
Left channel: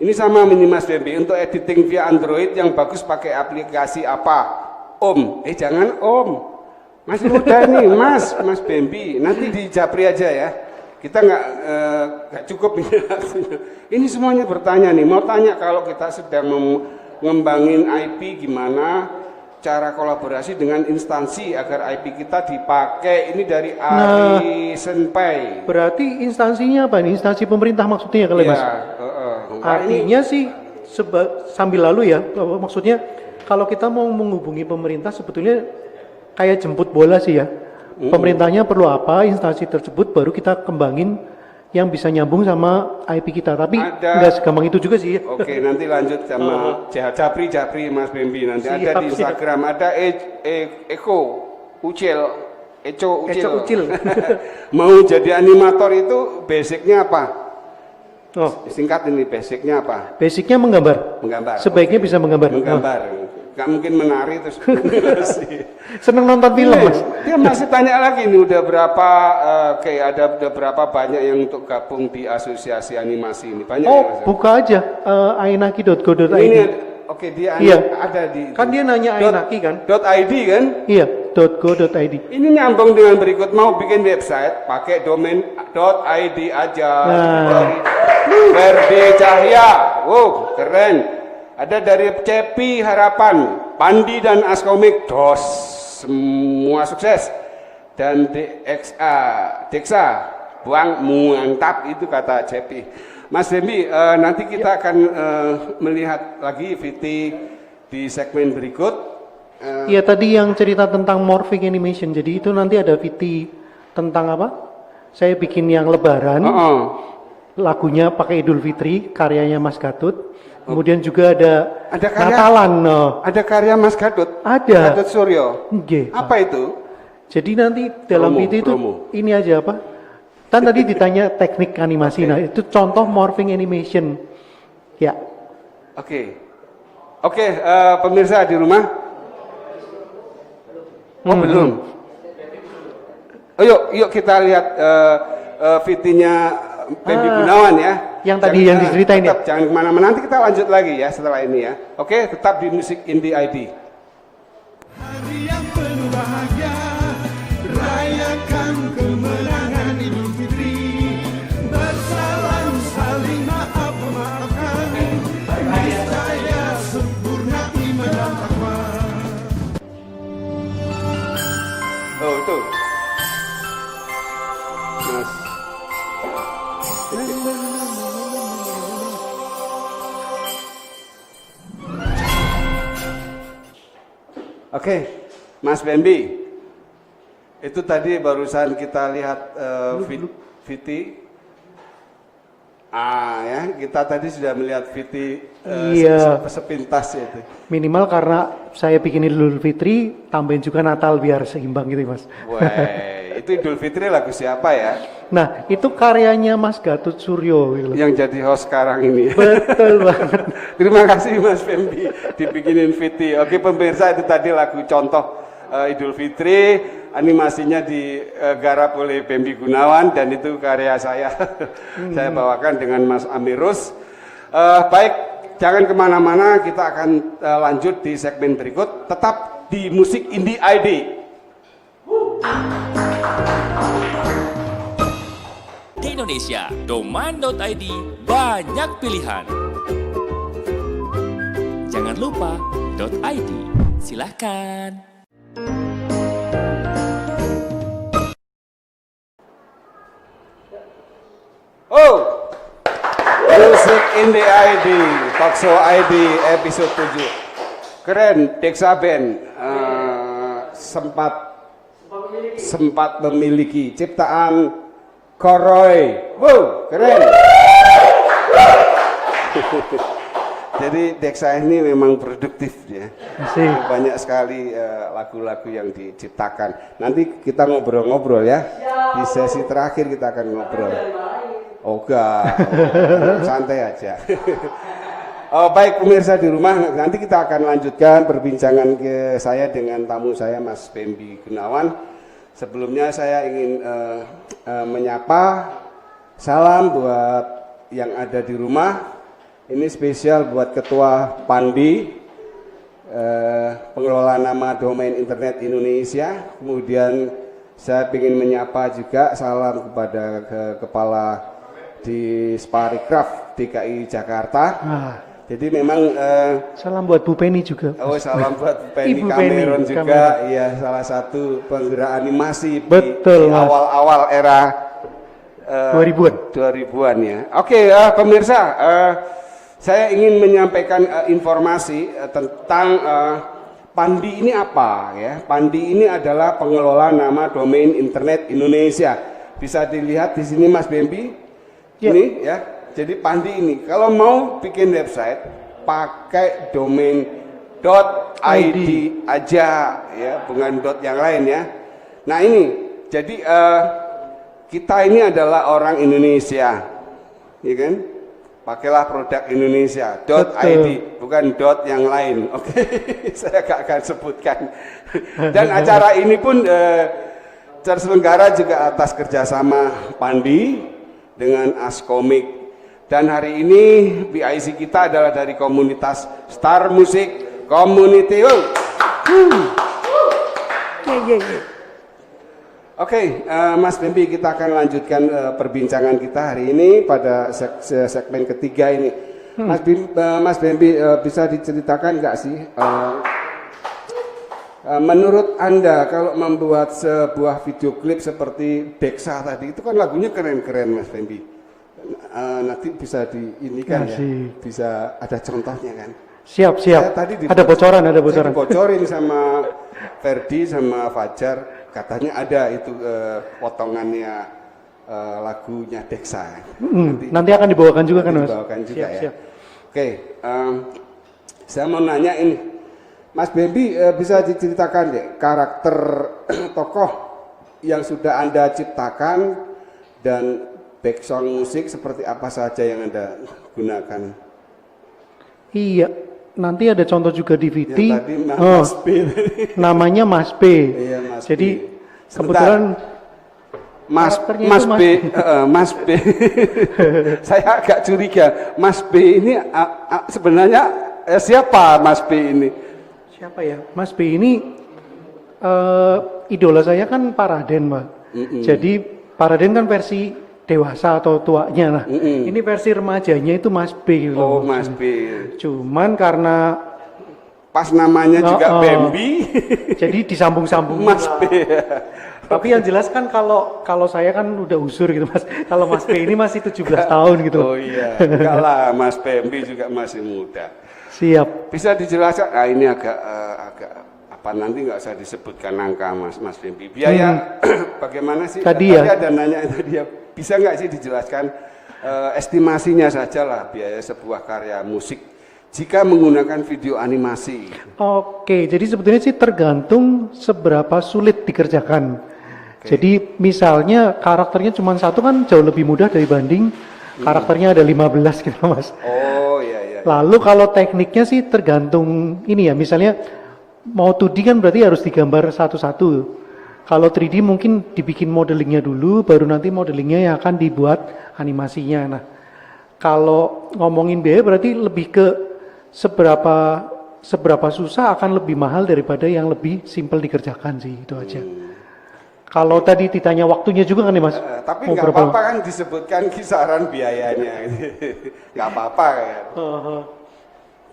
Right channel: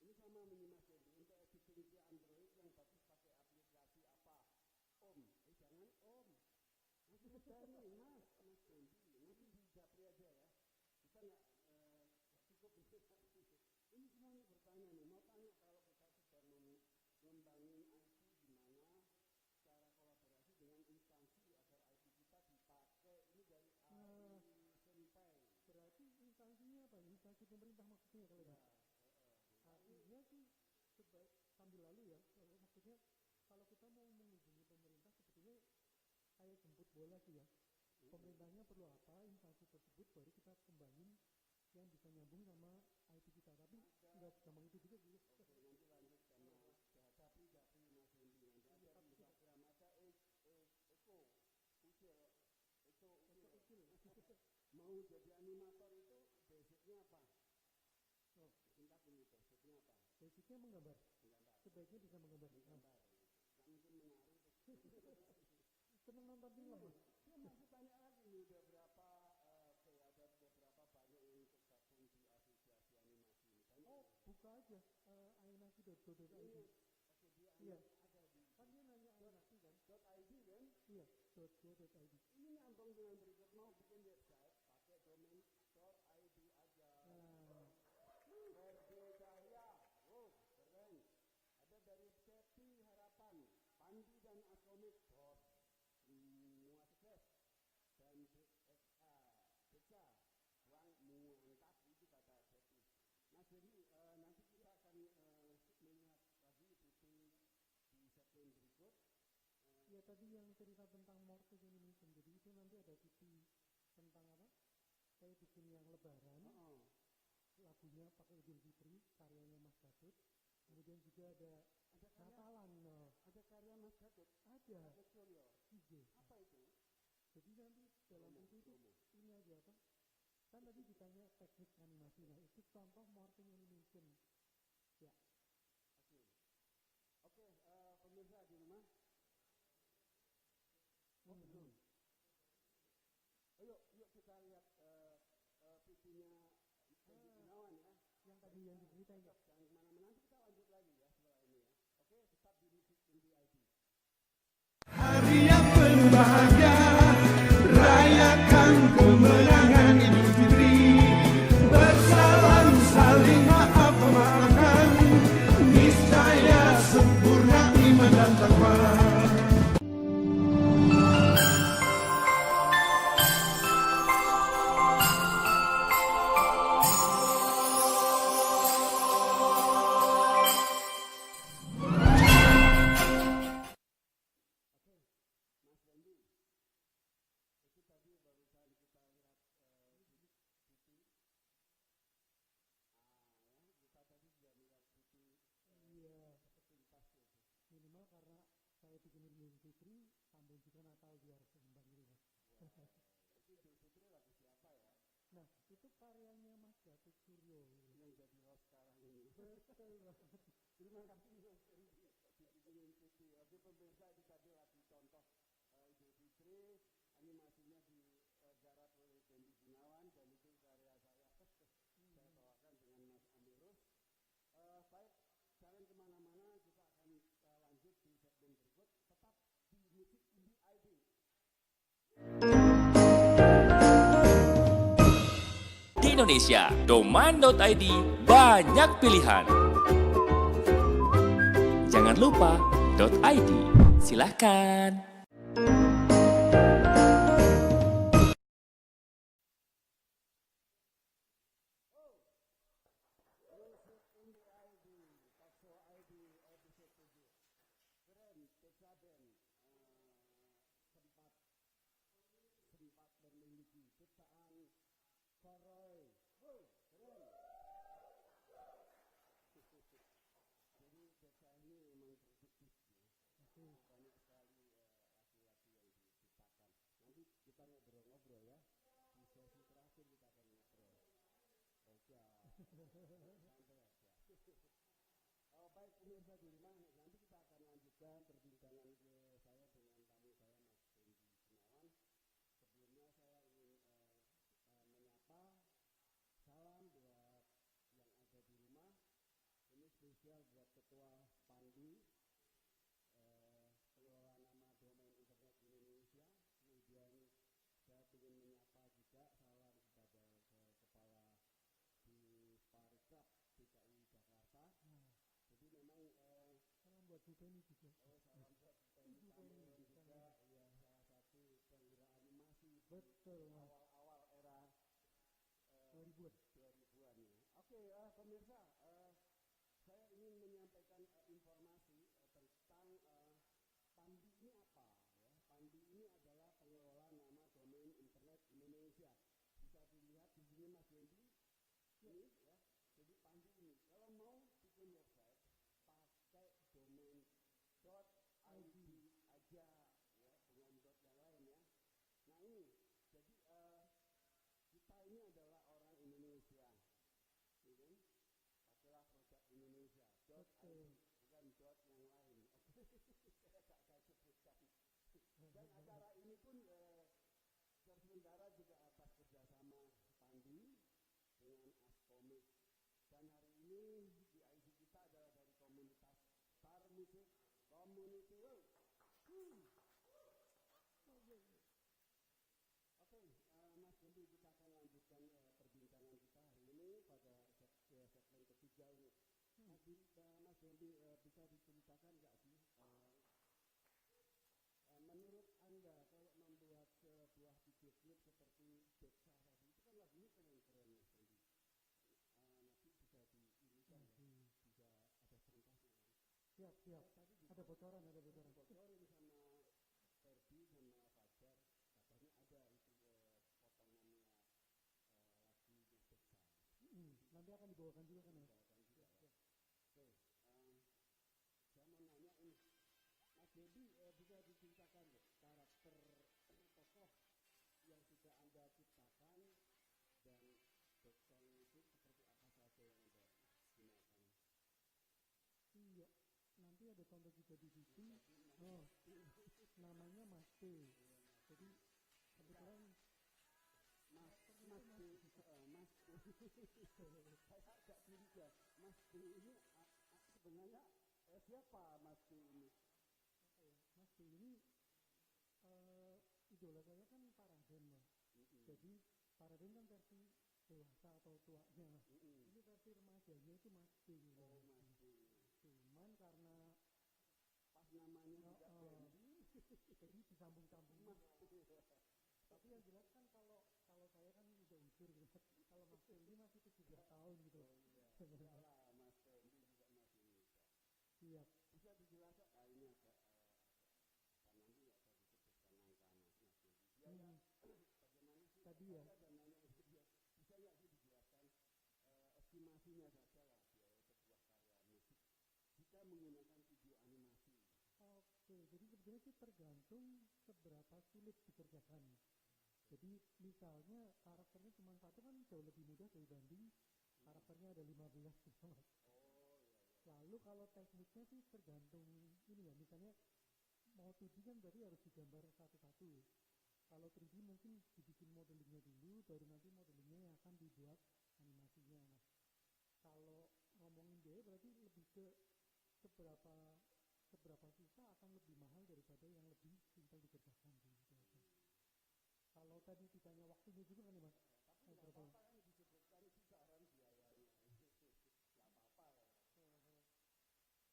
Ini sama mini Mas Bambi untuk editing via Android yang bagus pakai aplikasi apa? Om. Jangan Om. Mas muda nih, Mas Bambi. Nanti di Japri aja ya. Kita nggak cukup ini. Ini semuanya bertanya nih. Mau tanya kalau kita sedang mengembangin IP gimana? Cara kolaborasi dengan instansi agar IP kita dipakai. Ini dari Ari Senpai. Berarti instansinya apa nih? Instansi pemerintah maksudnya kali Mas? Artinya sih sambil lalu ya, maksudnya kalau kita mau menghubungi pemerintah sebetulnya kayak jemput bola sih ya. Pemerintahnya perlu apa, instansi tersebut baru kita kembangin yang bisa nyambung sama IP kita. Tapi nggak segampang itu juga sih. Oke, nanti lanjut sama Japri Mas Bambi nanti. Siap, ada di Instagram, ada Eco Ucil. Mau jadi animator itu basicnya apa? Oh, Singkat ini, basicnya apa? basicnya menggambar. Menggambar. Sebaiknya bisa menggambar. Menggambar. Gak mungkin menari terus. Seneng nonton film Mas. Dia masih tanya lagi nih, udah berapa banyak yang untuk gabung di asosiasi animasi ini? Banyak ya, Mas? Buka aja ainaki.go.id. Ini oke, dia Iya. ada di Kan dia nanya Ainaki kan? .id kan? Iya, .go.id. Ini nyambung dengan berikut, mau bikin website pakai domain .id aja. Ferdi Cahya. Wow, keren. Ada dari Cepi Harapan, Pandi dan Askomik, dos, semua sukses. Dan Deksa, buang mantap, itu kata Cepi. Mas Bambi, nanti kita akan melihat lagi VT di segmen berikut. Iya tadi yang cerita tentang morphing animation, jadi itu nanti ada VT tentang apa? Saya bikin yang Lebaran, lagunya pakai Idul Fitri, karyanya Mas Gatut. Kemudian juga ada karya, Natalan. Ada karya Mas Gatut? Ada. Gatut Suryo? Nggih. Apa itu? Jadi nanti dalam VT itu ini aja apa? Kan tadi ditanya teknik animasi, nah itu contoh morphing animation. Ya. Oke, pemirsa di rumah. Belum. Oh, yuk kita lihat VT-nya Bambi Gunawan ya. Yang tadi yang diceritain ya. Jangan kemana-mana, nanti kita lanjut lagi ya setelah ini ya. Oke, tetap di Musik Indie ID. Hari yang penuh bahagia, rayakan kemenangan Idul Fitri. Bersalam saling maaf memaafkan, niscaya sempurna iman dan takwa. Oh itu. Oke, Mas Bambi, itu tadi barusan kita lihat VT. Ya, kita tadi sudah melihat VT sepintas itu. Minimal karena saya bikin Idul Fitri, tambahin juga Natal biar seimbang gitu Mas. Wah, Itu Idul Fitri lagu siapa ya? Nah, itu karyanya Mas Gatot Suryo gitu loh. Yang jadi host sekarang ini. Betul banget. Terima kasih Mas Fembi dibikinin Fiti. Oke pemirsa, itu tadi lagu contoh Idul Fitri, animasinya digarap oleh Fembi Gunawan dan itu karya saya. Saya bawakan dengan Mas Amirus. Baik, jangan kemana-mana, kita akan lanjut di segmen berikut. Tetap di Musik Indie ID. Di Indonesia, domain.id banyak pilihan. Jangan lupa .id. Silahkan. Oh, Musik Indie ID, Talkshow ID episode 7. Keren, Deksa Band sempat memiliki ciptaan Koroy. Wow, keren. Jadi Deksa ini memang produktif ya. Asik. Banyak sekali lagu-lagu yang diciptakan. Nanti kita ngobrol-ngobrol ya. Di sesi terakhir kita akan ngobrol. Oh enggak, santai aja. Oh, baik pemirsa di rumah, nanti kita akan lanjutkan perbincangan ke saya dengan tamu saya Mas Fembi Gunawan. Sebelumnya saya ingin menyapa salam buat yang ada di rumah. Ini spesial buat Ketua Pandi, pengelola nama domain internet Indonesia. Kemudian saya ingin menyapa juga salam kepada Kepala di Sparikraf DKI Jakarta. Jadi memang Salam buat Bu Penny juga. oh salam buat Bu Penny Ibu Cameron Penny, juga, iya salah satu penggerak animasi Betul, di Mas. awal-awal era 2000-an. 2000-an ya. Oke, pemirsa, saya ingin menyampaikan informasi tentang Pandi ini apa ya. Pandi ini adalah pengelola nama domain internet Indonesia. Bisa dilihat di sini Mas Bembi. Ya. Ini ya. Jadi Pandi ini kalau mau bikin website pakai domain .id aja ya, bukan yang lain ya. Nah ini jadi kita ini adalah orang Indonesia, ya kan? Pakailah produk Indonesia .id, bukan yang lain. Oke, saya gak akan sebutkan. Dan acara ini pun terselenggara juga atas kerjasama Pandi dengan Askomik. Dan hari ini BIC kita adalah dari komunitas Star Music Community. Oke, Mas Bembi, kita akan lanjutkan perbincangan kita hari ini pada segmen ketiga ini. Mas Bembi, bisa diceritakan nggak sih, menurut Anda kalau membuat sebuah video klip seperti Deksa tadi, itu kan lagunya keren-keren Mas Bembi. Nanti bisa diinikan ya, bisa ada contohnya kan? Siap. Ada bocoran. Saya dibocorin sama Ferdi sama Fajar. Katanya ada itu potongannya lagunya Deksa. Nanti akan dibawakan juga kan Mas? Dibawakan juga ya. Siap. Oke, saya mau nanya ini, Mas Bembi bisa diceritakan deh karakter tokoh yang sudah Anda ciptakan dan background musik seperti apa saja yang Anda gunakan? Iya. Nanti ada contoh juga di VT. Yang tadi Mas B. Namanya Mas B. Iya, Mas Jadi B. kebetulan Mas B. Saya agak curiga. Mas B ini sebenarnya siapa Mas B ini? Siapa ya? Mas B ini idola saya kan Paraden, Mbak. Jadi Paraden kan versi dewasa atau tuanya lah. Ini versi remajanya itu Mas B gitu. Oh, Mas B. Cuman karena pas namanya juga Bembi, jadi disambung-sambung Mas B. Tapi yang jelas kan kalau saya kan udah usur gitu Mas. Kalau Mas B ini masih 17 tahun gitu. Oh iya, enggak lah, Mas Bembi juga masih muda. Siap. Bisa dijelaskan? Ah ini agak apa nanti nggak usah disebutkan angka Mas Bembi. Biaya bagaimana sih? Tadi ada nanya tadi ya. Bisa nggak sih dijelaskan estimasinya saja lah biaya sebuah karya musik jika menggunakan video animasi? Oke, jadi sebetulnya sih tergantung seberapa sulit dikerjakan. Jadi misalnya karakternya cuma satu kan jauh lebih mudah dibanding karakternya ada 15 gitu Mas. Oh iya iya. Lalu kalau tekniknya sih tergantung ini ya, misalnya mau 2D kan berarti harus digambar satu-satu. Kalau 3D mungkin dibikin modelingnya dulu, baru nanti modelingnya yang akan dibuat animasinya. Nah, kalau ngomongin biaya berarti lebih ke seberapa susah akan lebih mahal daripada yang lebih simpel dikerjakan sih, itu aja. Kalau tadi ditanya waktunya juga kan nih Mas? Tapi Mau nggak berapa apa-apa kan disebutkan kisaran biayanya. Nggak apa-apa kan.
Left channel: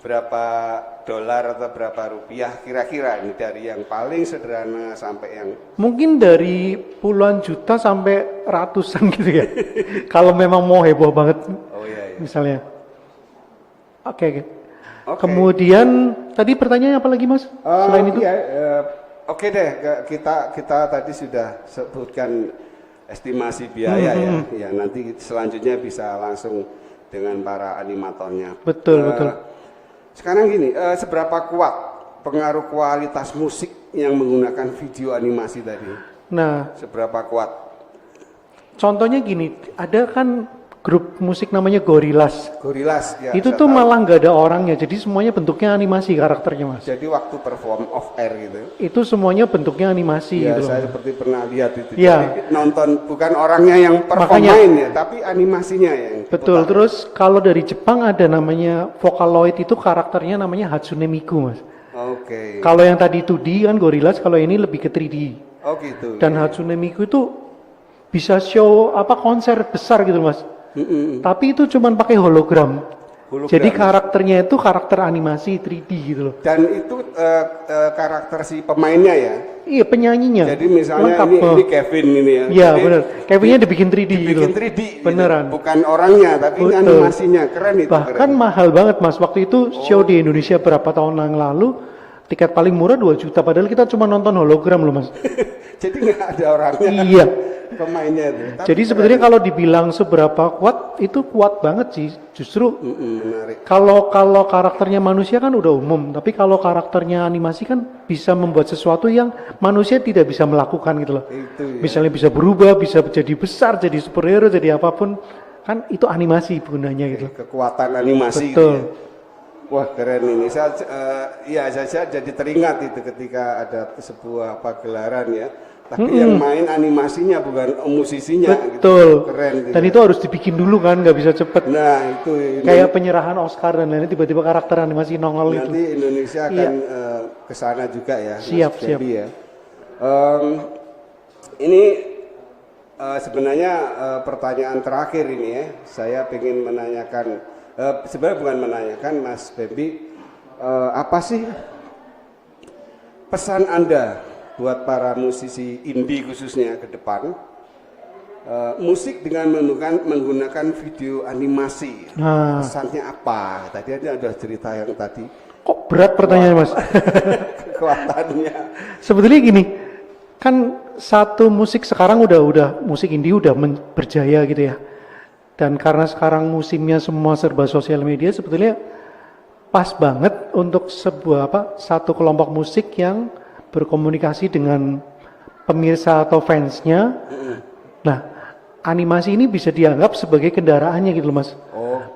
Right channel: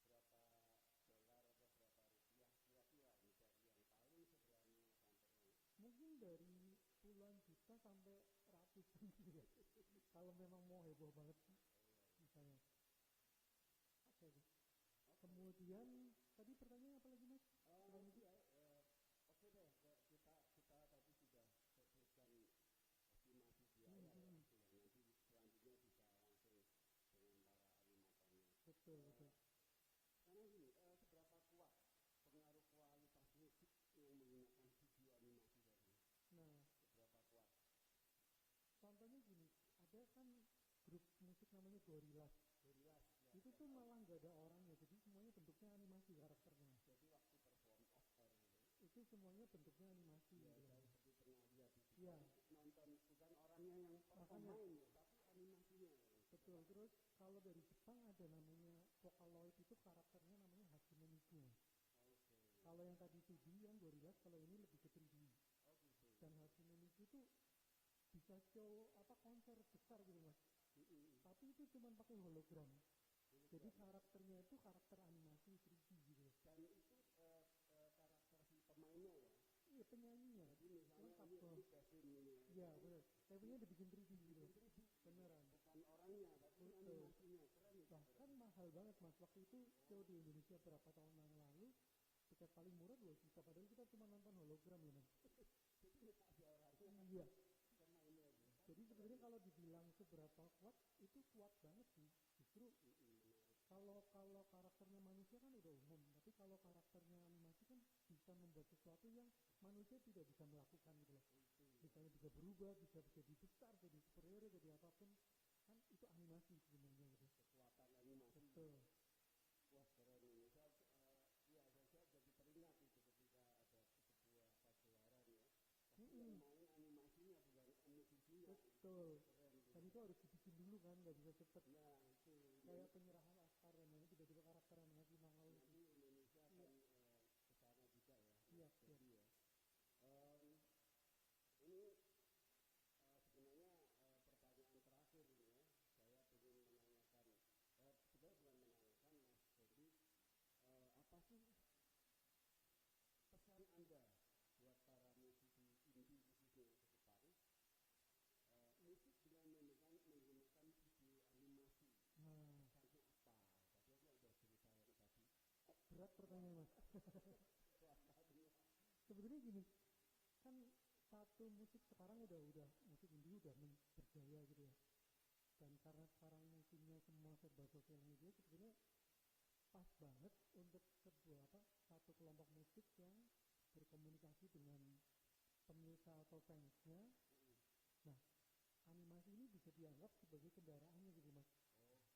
Berapa dolar atau berapa rupiah kira-kira ini dari yang paling sederhana sampai yang Mungkin dari puluhan juta sampai ratusan gitu ya. Kalau memang mau heboh banget oh iya, iya. misalnya. Oke. Oke. Kemudian tadi pertanyaannya apa lagi Mas? Selain itu? Iya, oke deh, kita tadi sudah sebutkan estimasi biaya ya. Ya nanti selanjutnya bisa langsung dengan para animatornya. Betul, betul. Sekarang gini, seberapa kuat pengaruh kualitas musik yang menggunakan video animasi tadi? Nah, Seberapa kuat? contohnya gini, ada kan grup musik namanya Gorillaz. Gorillaz ya. Itu saya tuh tahu. malah nggak ada orangnya, jadi semuanya bentuknya animasi karakternya Mas. Jadi waktu perform off air gitu. Itu semuanya bentuknya animasi Ya, gitu. saya seperti pernah lihat itu. Iya. Jadi nonton bukan orangnya yang perform Makanya. main ya, tapi animasinya yang Betul, diputar. terus kalau dari Jepang ada namanya Vocaloid, itu karakternya namanya Hatsune Miku Mas. Oke. Kalau yang tadi 2D kan Gorillaz, kalau ini lebih ke 3D. Oh gitu. Dan Hatsune Miku itu bisa show konser besar gitu Mas. Tapi itu cuman pakai hologram. Hologram. Jadi karakternya itu karakter animasi 3D gitu loh. Dan itu karakter si pemainnya ya. Iya, penyanyinya. Jadi misalnya Lengkap, ini Kevin ini ya. Iya Jadi benar. Kevinnya dibikin 3D gitu. dibikin 3D. gitu. Beneran. Bukan orangnya, tapi ini Betul. animasinya keren itu. Bahkan keren. mahal banget Mas. Waktu itu show di Indonesia berapa tahun yang lalu, tiket paling murah 2 juta. Padahal kita cuma nonton hologram loh Mas. Jadi nggak ada orangnya. Iya. Pemainnya itu. Tapi Jadi sebenarnya kalau dibilang seberapa kuat, itu kuat banget sih. Justru menarik. kalau karakternya manusia kan udah umum, tapi kalau karakternya animasi kan bisa membuat sesuatu yang manusia tidak bisa melakukan gitu loh. Itu ya. Misalnya bisa berubah, bisa jadi besar, jadi superhero, jadi apapun, kan itu animasi gunanya gitu. Kekuatan animasi Betul. gitu ya. Wah keren ini. Saya jadi teringat itu ketika ada sebuah gelaran ya. Tapi yang main animasinya bukan musisinya. Betul. Gitu. Keren. Gitu. Dan itu harus dibikin dulu kan, nggak bisa cepet. Nah itu Kayak penyerahan Oscar dan lain-lain, tiba-tiba karakter animasi nongol itu. nanti Indonesia akan ke sana juga ya. Mas Siap, siap. Debbie ya. Ini sebenarnya pertanyaan terakhir ini ya. Saya ingin menanyakan, sebenarnya bukan menanyakan Mas Bebi, apa sih pesan Anda buat para musisi indie khususnya ke depan, musik dengan menggunakan video animasi, Nah. pesannya apa? Tadi ada cerita yang tadi Kok berat pertanyaannya Mas? kekuatannya. Sebetulnya gini, kan satu musik sekarang udah musik indie udah berjaya gitu ya. Dan karena sekarang musimnya semua serba sosial media, sebetulnya pas banget untuk satu kelompok musik yang berkomunikasi dengan pemirsa atau fansnya. Nah, animasi ini bisa dianggap sebagai kendaraannya gitu loh Mas.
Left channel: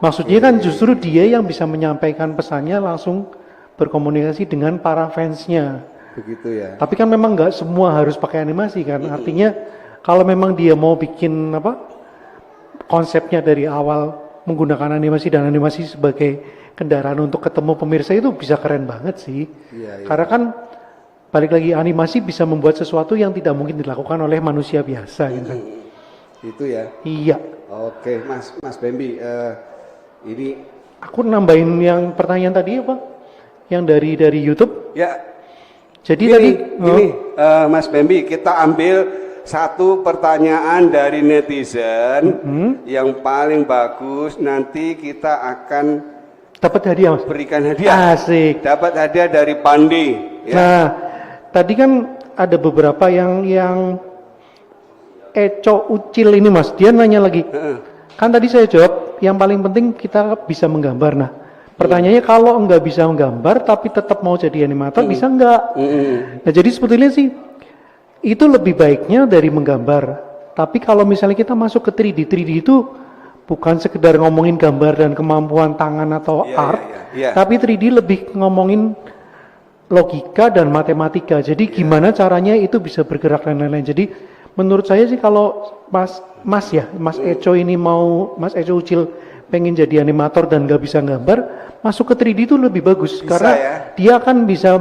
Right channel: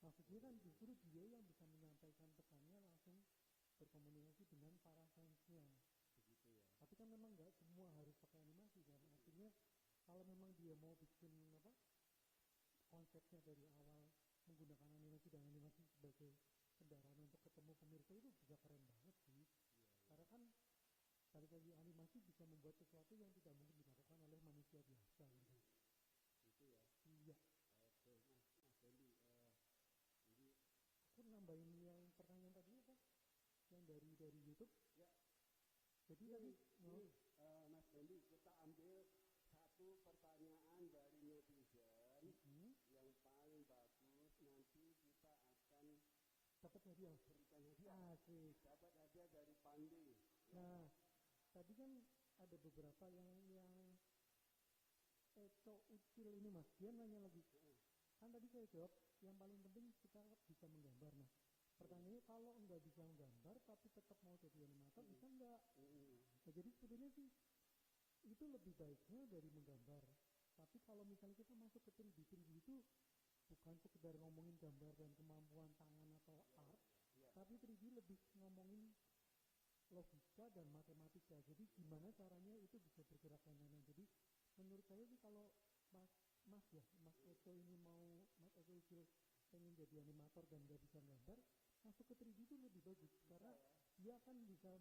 Maksudnya kan justru dia yang bisa menyampaikan pesannya langsung berkomunikasi dengan para fansnya. Begitu ya. Tapi kan memang nggak semua harus pakai animasi kan. Artinya kalau memang dia mau bikin konsepnya dari awal menggunakan animasi dan animasi sebagai kendaraan untuk ketemu pemirsa, itu bisa keren banget sih. Iya. Karena kan balik lagi, animasi bisa membuat sesuatu yang tidak mungkin dilakukan oleh manusia biasa gitu kan. Itu ya. Iya. Oke, Mas Bambi, ini Aku nambahin yang pertanyaan tadi apa? Yang dari YouTube. ya. Jadi Gini, tadi Mas Bambi, kita ambil satu pertanyaan dari netizen yang paling bagus. Nanti kita akan dapat hadiah Mas. berikan hadiah. Asik. Dapat hadiah dari Pandi. Ya. Nah, tadi kan ada beberapa yang Eco Ucil ini Mas, dia nanya lagi. Kan tadi saya jawab, yang paling penting kita bisa menggambar. Nah, pertanyaannya kalau enggak bisa menggambar tapi tetap mau jadi animator, bisa enggak? Nah, jadi sebetulnya sih Itu lebih baiknya dari menggambar. Tapi kalau misalnya kita masuk ke 3D, 3D itu bukan sekedar ngomongin gambar dan kemampuan tangan atau art, tapi 3D lebih ngomongin logika dan matematika. Jadi gimana caranya itu bisa bergerak dan lain-lain. Jadi menurut saya sih kalau Mas Eco ini Mas Eco Ucil pengen jadi animator dan nggak bisa gambar, masuk ke 3D itu lebih bagus Bisa, karena ya? dia kan bisa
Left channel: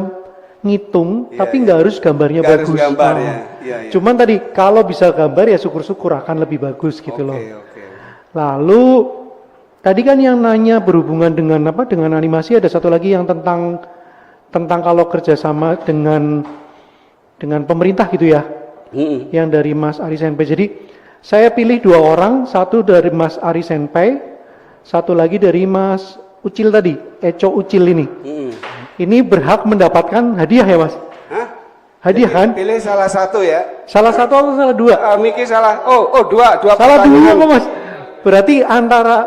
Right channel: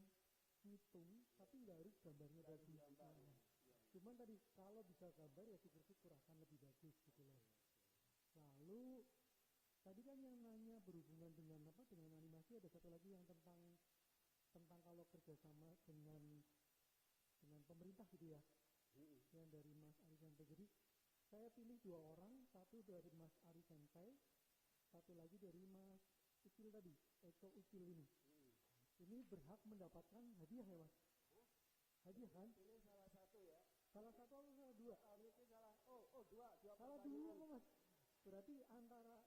ngitung, tapi nggak harus gambarnya Nggak harus bagus. gambar, ya. Iya. Cuman tadi kalau bisa gambar ya syukur-syukur akan lebih bagus gitu loh. Oke. Lalu tadi kan yang nanya berhubungan dengan apa? Dengan animasi, ada satu lagi yang tentang kalau kerjasama dengan pemerintah gitu ya. Yang dari Mas Ari Senpai. Jadi saya pilih 2 orang, satu dari Mas Ari Senpai, satu lagi dari Mas Ucil tadi, Eco Ucil ini. Ini berhak mendapatkan hadiah ya Mas? Hah? Hadiah kan? Pilih salah satu ya. Salah satu atau salah 2? Miki salah. Oh, dua Salah 2 pertanyaan. kok Mas. Berarti antara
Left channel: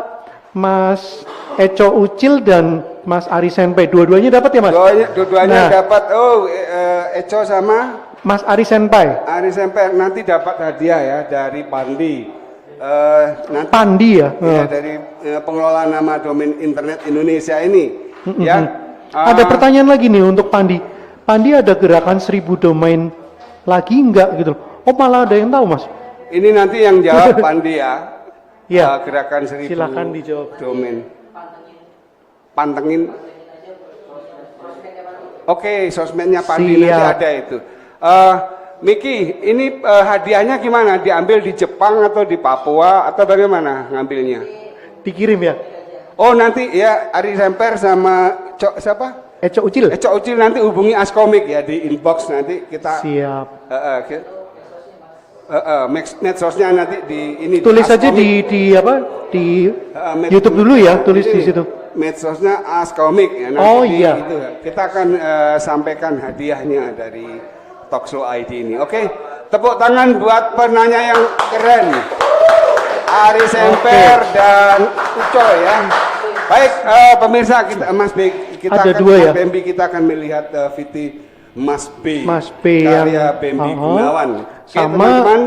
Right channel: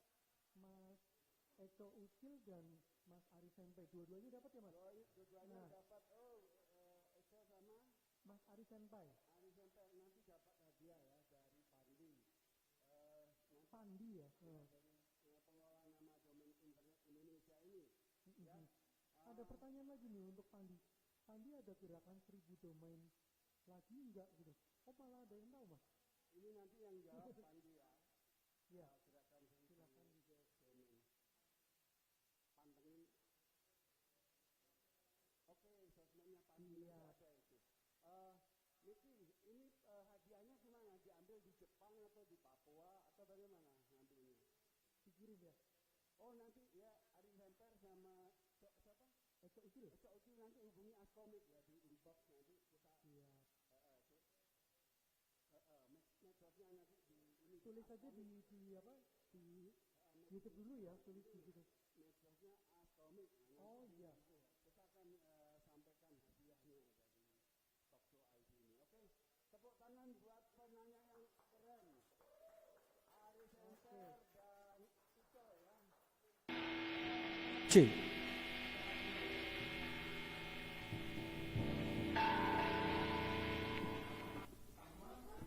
Mas Eco Ucil dan Mas Ari Senpai, dua-duanya dapat ya Mas? Dua-duanya Nah. dapat. Eco sama Mas Ari Senpai. Ari Semper nanti dapat hadiah ya dari Pandi. Nanti Pandi ya? ya, dari pengelola nama domain internet Indonesia ini. Ya. Ada pertanyaan lagi nih untuk Pandi. Pandi ada gerakan 1000 domain lagi enggak gitu loh? Oh malah ada yang tahu Mas? Ini nanti yang jawab Pandi ya. Iya. Gerakan 1000 Silakan dijawab. domain. Pantengin. Oke, sosmednya Pandi nanti Siap. ada itu. Miki, ini hadiahnya gimana? Diambil di Jepang atau di Papua atau bagaimana ngambilnya? Dikirim ya? Oh nanti ya Ari Semper sama siapa? Eco Ucil? Eco Ucil nanti hubungi Askomik ya di inbox nanti kita. Siap. Medsosnya nanti di ini. Tulis di aja Askomik. di apa? Di YouTube dulu ya, tulis di situ. Medsosnya Askomik ya. Nanti Oh, iya. Itu, kita akan sampaikan hadiahnya dari Talkshow ID ini. Oke, tepuk tangan buat penanya yang keren. Ari Semper dan Uco ya. Baik, pemirsa kita Mas B, kita Ada akan 2 ya? Mas Bembi, kita akan melihat VT Mas B. Mas B yang karya Bembi Gunawan. Oke, sama teman-teman,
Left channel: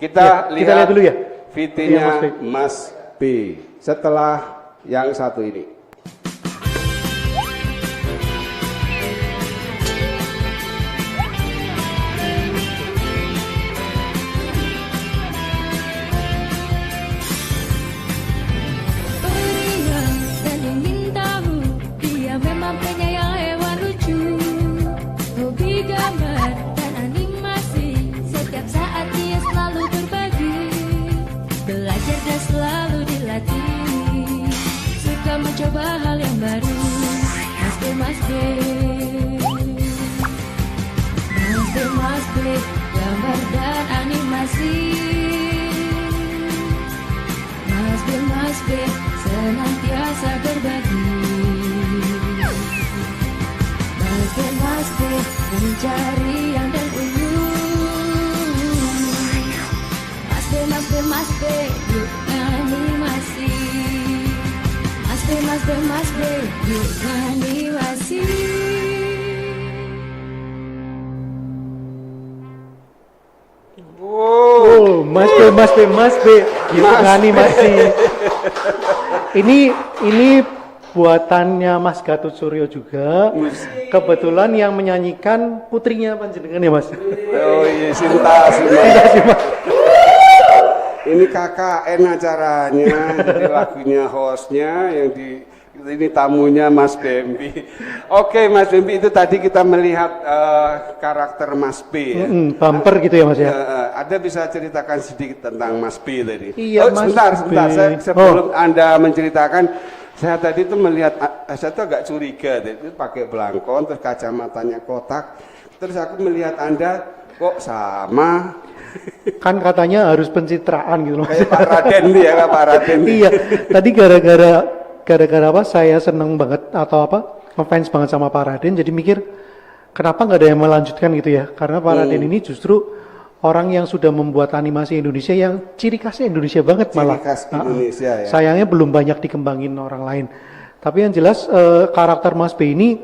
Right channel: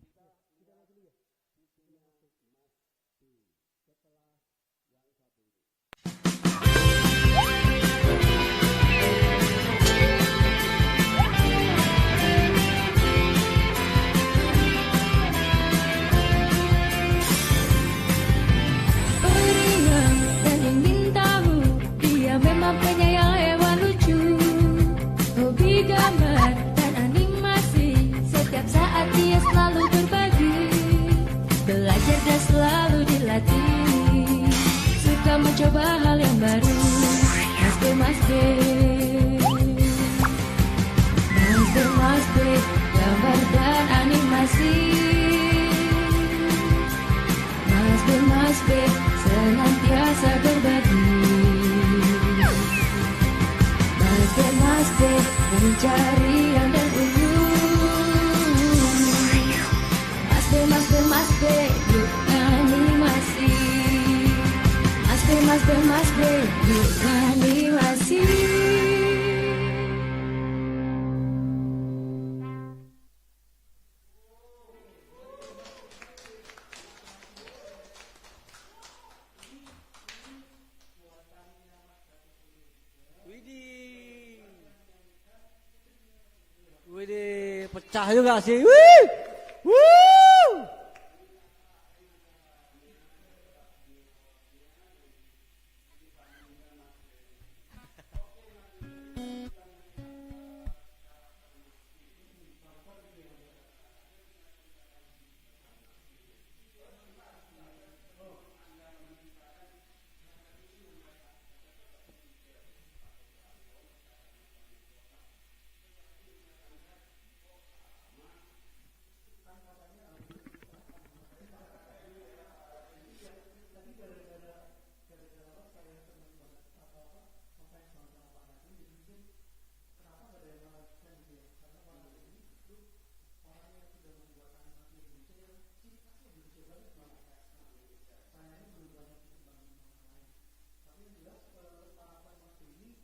kita Ya, kita lihat dulu ya. VT-nya Iya, Mas B. Mas B. Setelah yang satu ini. Beriang dan ingin tahu, dia memang penyayang hewan lucu. Hobi gambar dan animasi, setiap saat dia selalu berbagi. Belajar dan selalu dilatih, suka mencoba hal yang baru. Mas B, Mas B, Mas B, Mas B, gambar dan animasi. Mas B, senantiasa berbagi. Mas B, mencari yang dan unyu. Mas B, yuk animasi. Mas B, yuk animasi. Oh, Mas B, gitu animasi. Ini buatannya Mas Gatot Suryo juga. Kebetulan yang menyanyikan putrinya panjenengan ya Mas. Oh iya, Sinta. Ini KKN acaranya, jadi lagunya hostnya, yang di ini tamunya Mas Bembi. Oke Mas Bembi, itu tadi kita melihat karakter Mas B ya. Bumper gitu ya Mas ya. Ada bisa ceritakan sedikit tentang Mas B tadi? Iya, Mas sebentar, B. sebelum Anda menceritakan, saya tadi itu melihat, saya tuh agak curiga, itu pakai belangkon, terus kacamatanya kotak, terus aku melihat Anda kok sama. Kan katanya harus pencitraan gitu loh. Kayak Pak Raden nih ya, Pak Raden. Iya, tadi gara-gara apa saya seneng banget atau apa ngefans banget sama Pak Raden, jadi mikir kenapa nggak ada yang melanjutkan gitu ya, karena Pak Raden ini justru orang yang sudah membuat animasi Indonesia yang ciri khasnya Indonesia banget malah. Ciri khas Indonesia ya. Sayangnya belum banyak dikembangin orang lain, tapi yang jelas karakter Mas B ini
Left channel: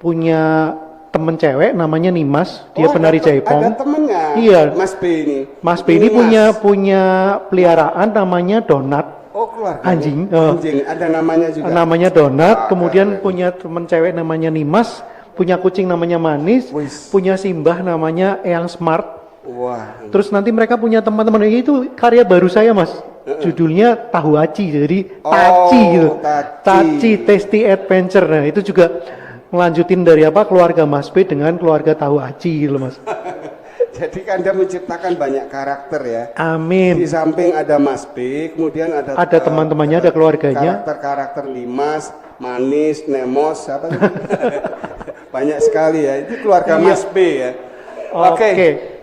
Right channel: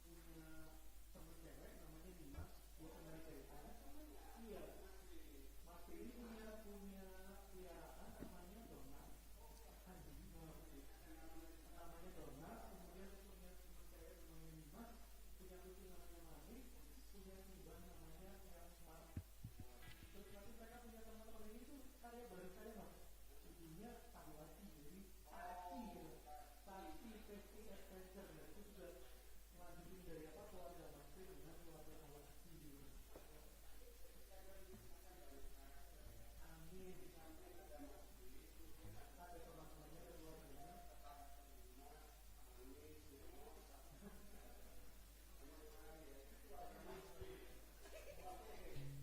punya temen cewek namanya Nimas, dia Oh, penari ada jaipong. temennya. Iya. Mas B ini. Mas B ini punya peliharaan namanya Donat. Oh, keluarga. Anjing, Anjing, ada namanya juga. Namanya Donat, Ah, kemudian keren. punya temen cewek namanya Nimas, punya kucing namanya Manis, Wis. punya simbah namanya Eyang Smart. Wah. Terus nanti mereka punya teman-teman, itu karya baru saya Mas. Judulnya Tahu Aci, jadi Taci gitu. Taci Tasty Adventure. Nah, itu juga ngelanjutin dari keluarga Mas B dengan keluarga Tahu Aci gitu Mas. Jadi Anda menciptakan banyak karakter ya. Di Amin. samping ada Mas B, kemudian ada Teman-temannya, ada keluarganya. Karakter-karakter Limas, Manis, Nemos, apa itu? Banyak sekali ya. Itu keluarga Mas B ya. Oke.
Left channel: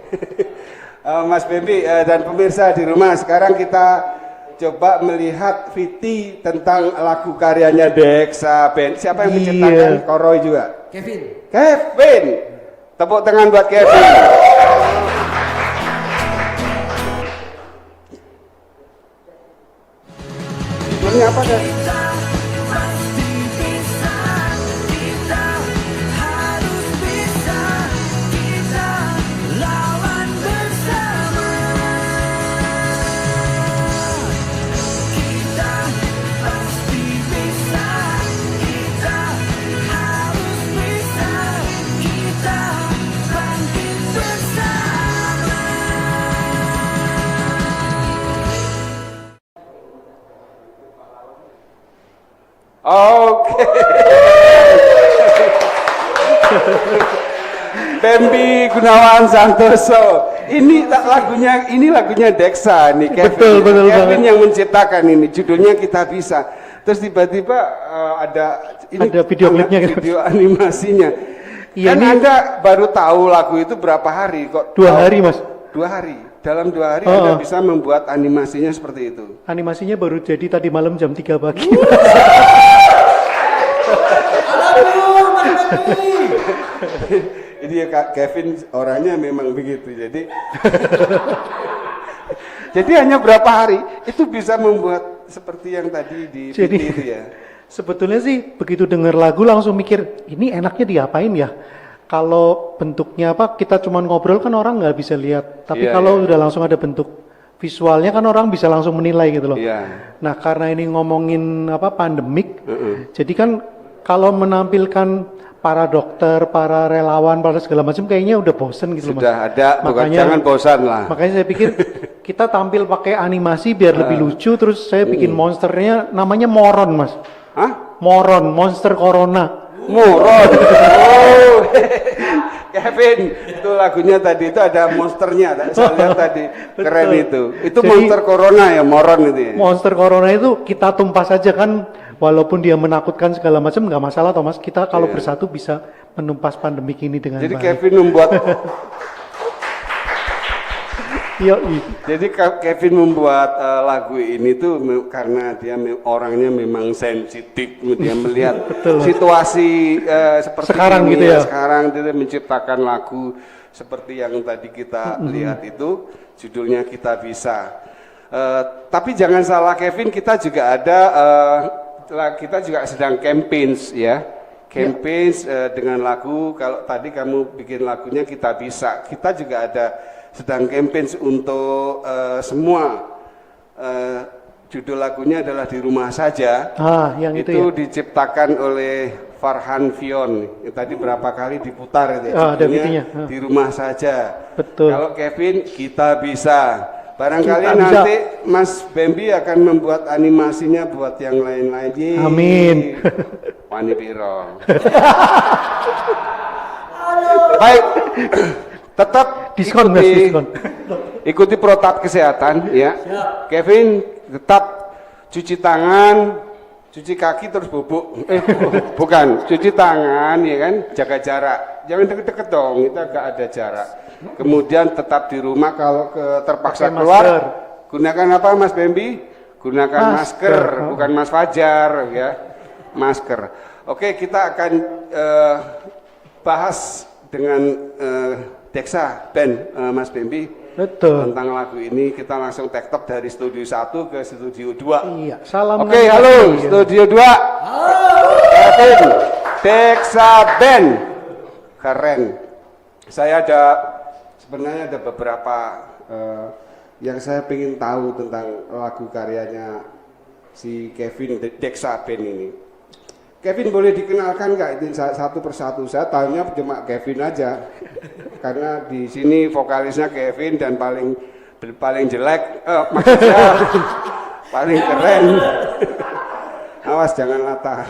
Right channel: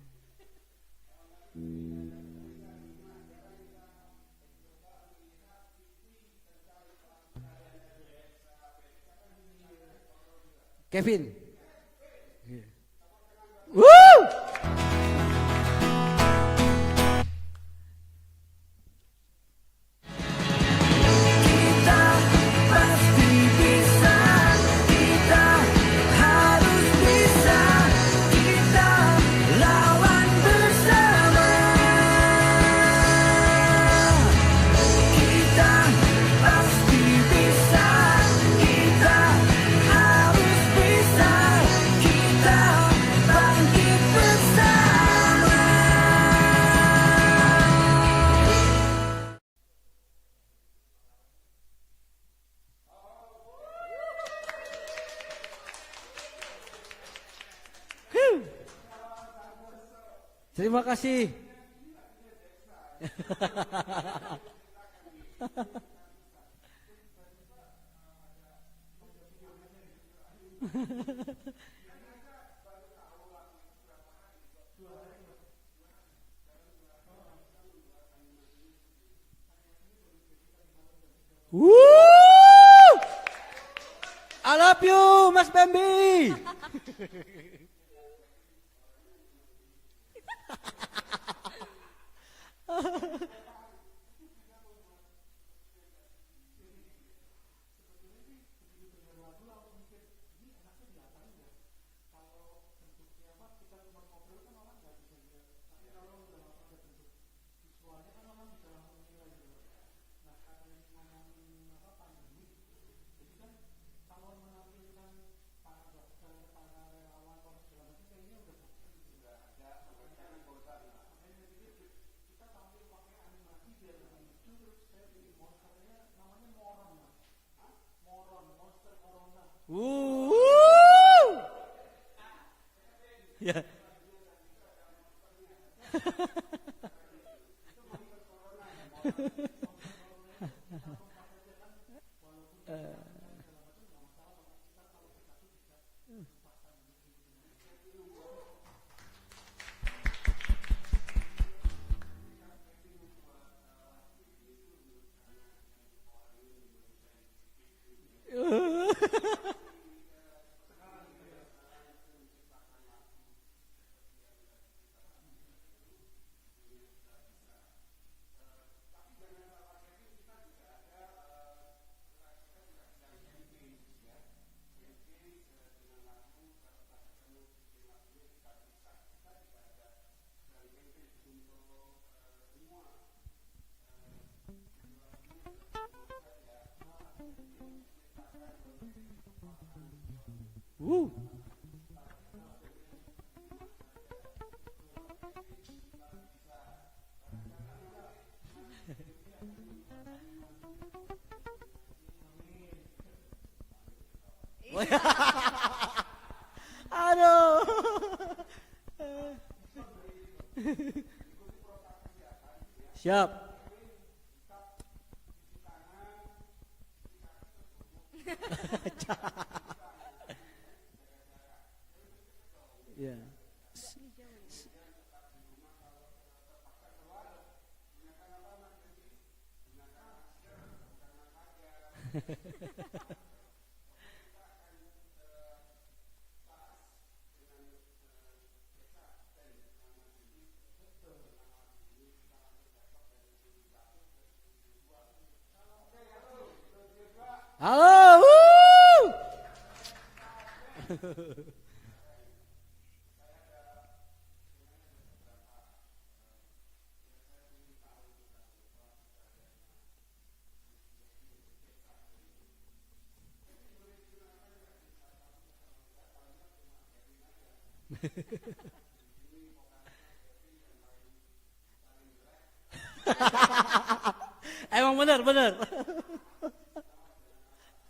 Mas Bebi dan pemirsa di rumah, sekarang kita coba melihat Viti tentang lagu karyanya Deksa Band. Siapa yang menciptakan? Koroy juga. Kevin. Kevin. Tepuk tangan buat Kevin. Ini apa kan? Kita pasti bisa, kita harus bisa, kita lawan bersama. Kita pasti bisa, kita harus bisa, kita bangkit bersama. Oke. Bambi Gunawan Santoso. Ini lagunya Deksa nih Kevin. Betul Kevin banget. yang menciptakan ini. Judulnya Kita Bisa. Terus tiba-tiba ada video klipnya gitu. video animasinya. Iya, Kan ini- Anda baru tahu lagu itu berapa hari kok? 2 hari Mas. 2 hari. Dalam 2 hari Oh. Anda bisa membuat animasinya seperti itu. Animasinya baru jadi tadi malam jam 3 pagi. I love you, Mas Baby. Jadi ya Kak Kevin orangnya memang begitu. Jadi hanya berapa hari itu bisa membuat seperti yang tadi di Jadi Viti itu ya. sebetulnya sih begitu denger lagu langsung mikir ini enaknya diapain ya. Kalau bentuknya kita cuma ngobrol kan orang nggak bisa lihat. Tapi Iya, kalau iya. udah langsung ada bentuk visualnya kan orang bisa langsung menilai gitu loh. Iya. Nah karena ini ngomongin pandemik, jadi kan kalau menampilkan para dokter, para relawan, para segala macam kayaknya udah bosen gitu loh Mas. Sudah ada, bukan jangan bosan lah. Makanya saya pikir kita tampil pakai animasi biar lebih lucu, terus saya bikin monsternya namanya Moron Mas. Hah? Moron, monster corona. Moron. Oh. Kevin, itu lagunya tadi itu ada monsternya. Saya lihat tadi keren itu. Itu Jadi- monster corona ya, Moron itu. Ya? Monster corona itu kita tumpas saja kan, walaupun dia menakutkan segala macam nggak masalah Thomas. Kita kalau Iya. bersatu bisa menumpas pandemik ini dengan Jadi baik. Kevin membuat Yoi. Jadi Kevin membuat lagu ini tuh karena dia orangnya memang sensitif, dia melihat situasi seperti Sekarang ini gitu ya. Sekarang dia menciptakan lagu seperti yang tadi kita lihat itu, judulnya Kita Bisa. Tapi jangan salah Kevin, kita juga ada kita juga sedang campaigns ya. Campaigns dengan lagu, kalau tadi kamu bikin lagunya Kita Bisa, kita juga ada sedang campaign untuk semua. Judul lagunya adalah Di Rumah Saja. Yang itu ya. Diciptakan oleh Farhan Fion. Tadi berapa kali diputar itu. Ada Judulnya videonya. Di Rumah Saja. Betul. Kalau Kevin, Kita Bisa. Barangkali Kita bisa. nanti Mas Bambi akan membuat animasinya buat yang lain-lain. Yeay. Amin. Wani piro. Baik. Tetap Diskon Mas, diskon. ikuti protap kesehatan ya. Siap. Kevin tetap cuci tangan, cuci kaki terus bubuk. Bukan, cuci tangan ya kan, jaga jarak. Jangan deket-deket dong, kita agak ada jarak. Kemudian tetap di rumah, kalau terpaksa Pakai keluar, masker. gunakan apa Mas Bambi? Gunakan masker, Masker. bukan Mas Fajar ya. Masker. Oke, kita akan bahas dengan Deksa Band Mas Bambi. Betul. Tentang lagu ini kita langsung tektok dari studio 1 ke studio 2. Iya, salam. Oke, halo studio 2. Halo. Kevin, Deksa Band. keren. Saya sebenarnya ada beberapa yang saya ingin tahu tentang lagu karyanya si Kevin Deksa Band ini. Kevin boleh dikenalkan nggak itu satu persatu? Saya tahunya cuma Kevin aja, karena di sini vokalisnya Kevin dan paling jelek, maksudnya paling keren. Awas jangan latah.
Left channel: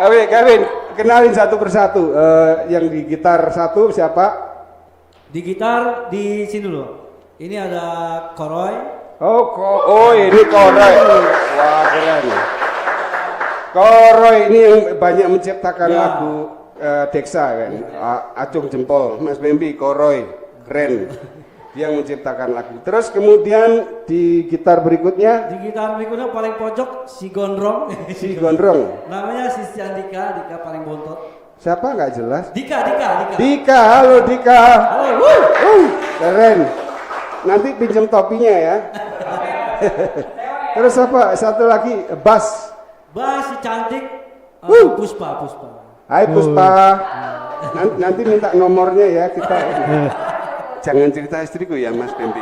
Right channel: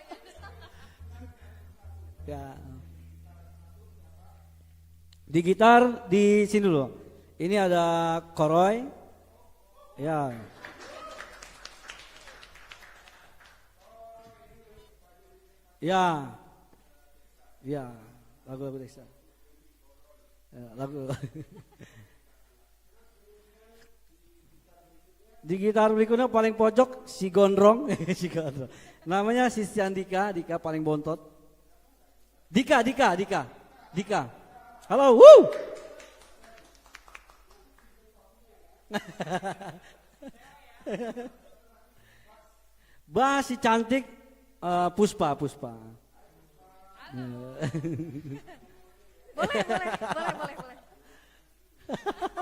Oke, Kevin, kenalin satu persatu. Yang di gitar satu siapa? Di gitar di sini dulu. Ini ada Koroy. Oh ini Koroy. Wah keren. Koroy ini yang banyak menciptakan Ya. lagu Deksa kan. Acung jempol, Mas Bambi, Koroy, keren. Dia yang menciptakan lagu. Terus kemudian di gitar berikutnya Di gitar berikutnya paling pojok si Gondrong. si Gondrong. Namanya si Dika paling bontot. Siapa nggak jelas? Dika. Dika, halo Dika. Halo, wuh. Keren. Nanti pinjam topinya ya. Terus apa? Satu lagi bass. Bas si cantik Puspa. Hai Puspa. Nanti minta nomornya ya kita. Jangan cerita istriku ya Mas Bambi.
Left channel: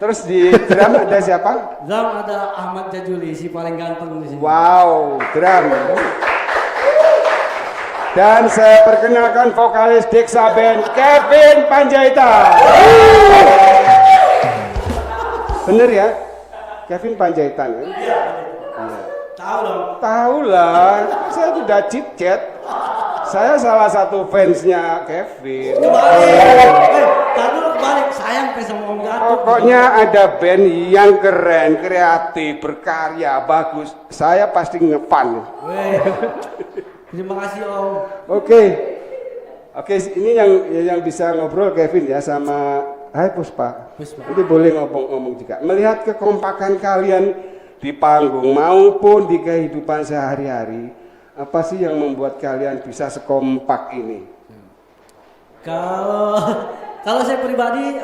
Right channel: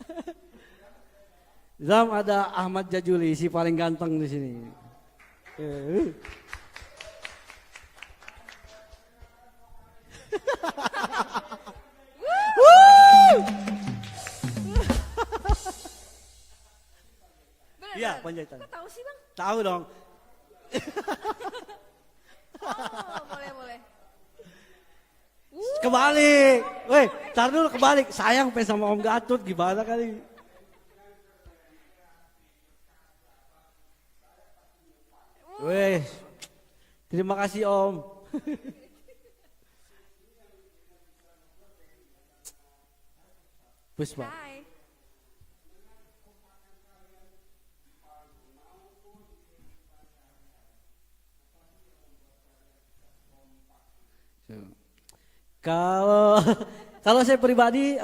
Terus di drum ada siapa? Drum ada Ahmad Jajuli si paling ganteng di sini. Wow, drum. Dan saya perkenalkan vokalis Deksa Band Kevin Panjaitan. Bener ya? Kevin Panjaitan ya? Iya, tahu dong. Tahu lah, saya sudah chit-chat. Saya salah satu fansnya Kevin. Kebalik. Tar dulu kebalik. Sayang pe sama Om Gatot. Pokoknya ada band yang keren, kreatif, berkarya, bagus. Saya pasti ngefan. Weh. Terima kasih Om. Oke, ini yang bisa ngobrol Kevin ya sama. Hai Puspa. Ini boleh ngomong juga. Melihat kekompakan kalian di panggung maupun di kehidupan sehari-hari, apa sih yang membuat kalian bisa sekompak ini? Kalau saya pribadi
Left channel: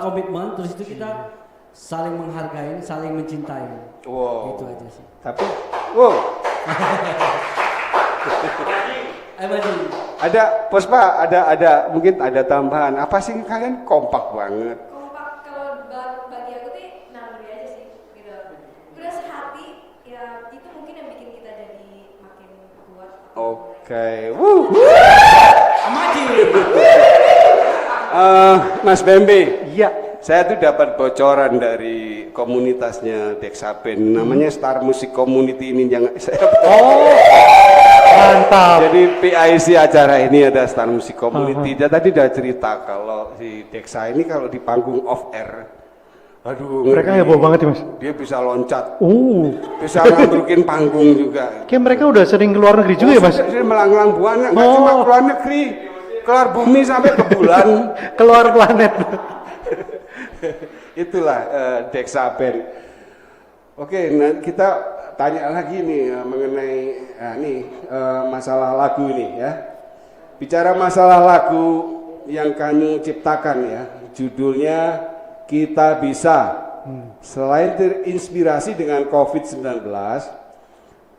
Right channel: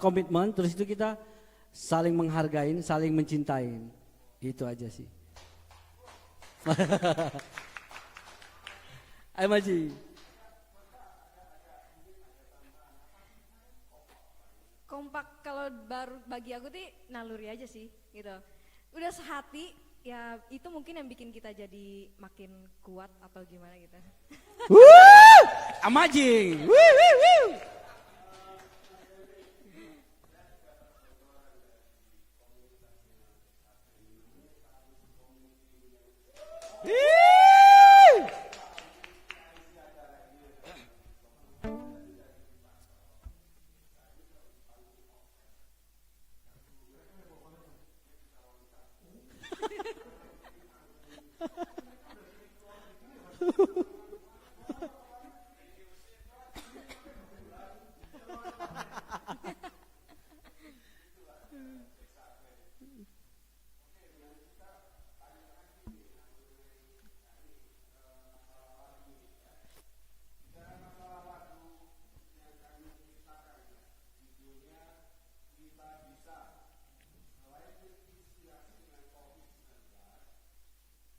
komitmen, terus itu kita saling menghargai, saling mencintai. Wow. Itu aja sih. Tapi, wow. Ayo maju. Ada Puspa, ada mungkin ada tambahan. Apa sih kalian kompak banget? Kompak kalau bagi aku tuh naluri aja sih gitu. Udah sehati ya, itu mungkin yang bikin kita jadi makin kuat atau Oke. Amaji. Mas Bambi. Iya. Saya tuh dapat bocoran dari komunitasnya Deksa Band, namanya Star Music Community ini yang saya Mantap. Jadi PIC acara ini ada Star Music Community. Dia tadi udah cerita kalau si Deksa ini kalau di panggung off air, aduh, Mereka heboh banget ya Mas. dia bisa loncat, bisa Oh. ngambrukin panggung juga. Kayak mereka udah sering keluar negeri juga ya Mas. Dia melanglang buana, nggak cuma keluar negeri, keluar bumi sampai ke bulan. Keluar planet. Itulah Deksa Band. Oke, nah kita tanya lagi nih mengenai masalah lagu ini ya. Bicara masalah lagu yang kamu ciptakan ya, judulnya Kita Bisa. Selain terinspirasi dengan COVID-19,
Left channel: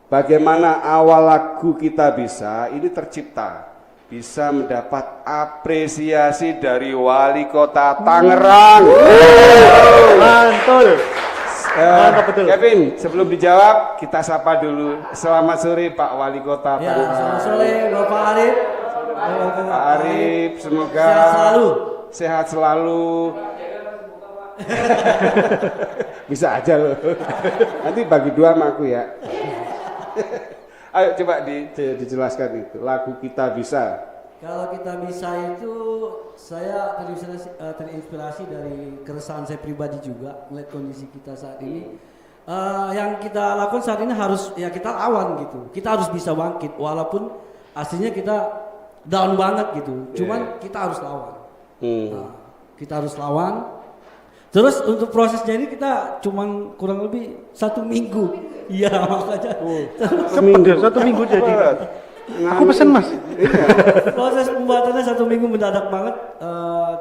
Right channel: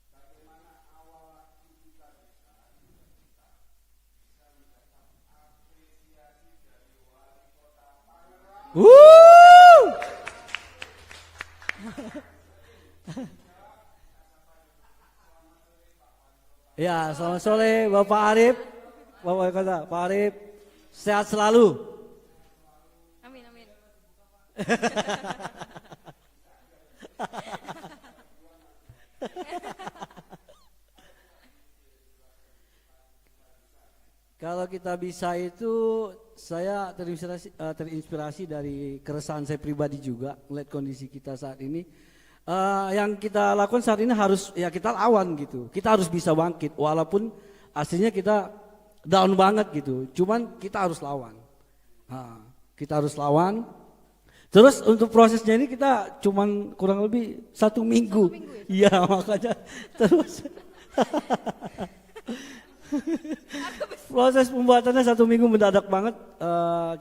bagaimana awal lagu Kita Bisa ini tercipta? Bisa mendapat apresiasi dari Wali Kota Tangerang. Mantul. Mantap betul. Kevin, sebelum dijawab, kita sapa dulu. Selamat sore Pak Wali Kota Ya, Tangerang. selamat sore Bapak Arif. Pak Arif, semoga sehat selalu. Sehat selalu. Bisa aja loh. Nanti bagi dua sama aku ya. Ayo coba dijelaskan itu. Lagu Kita Bisa. Kalau Kita Bisa itu saya terinspirasi dari keresahan saya pribadi juga melihat kondisi kita saat ini. Yang kita lakukan saat ini harus ya kita lawan gitu. Kita harus bisa bangkit walaupun aslinya kita down banget gitu. Cuman kita harus lawan. Kita harus lawan. Terus untuk prosesnya ini kita cuman kurang lebih 1 minggu. Iya makanya. Cepet ya, 1 minggu jadi. Aku pesen Mas. Proses pembuatannya 1 minggu mendadak banget.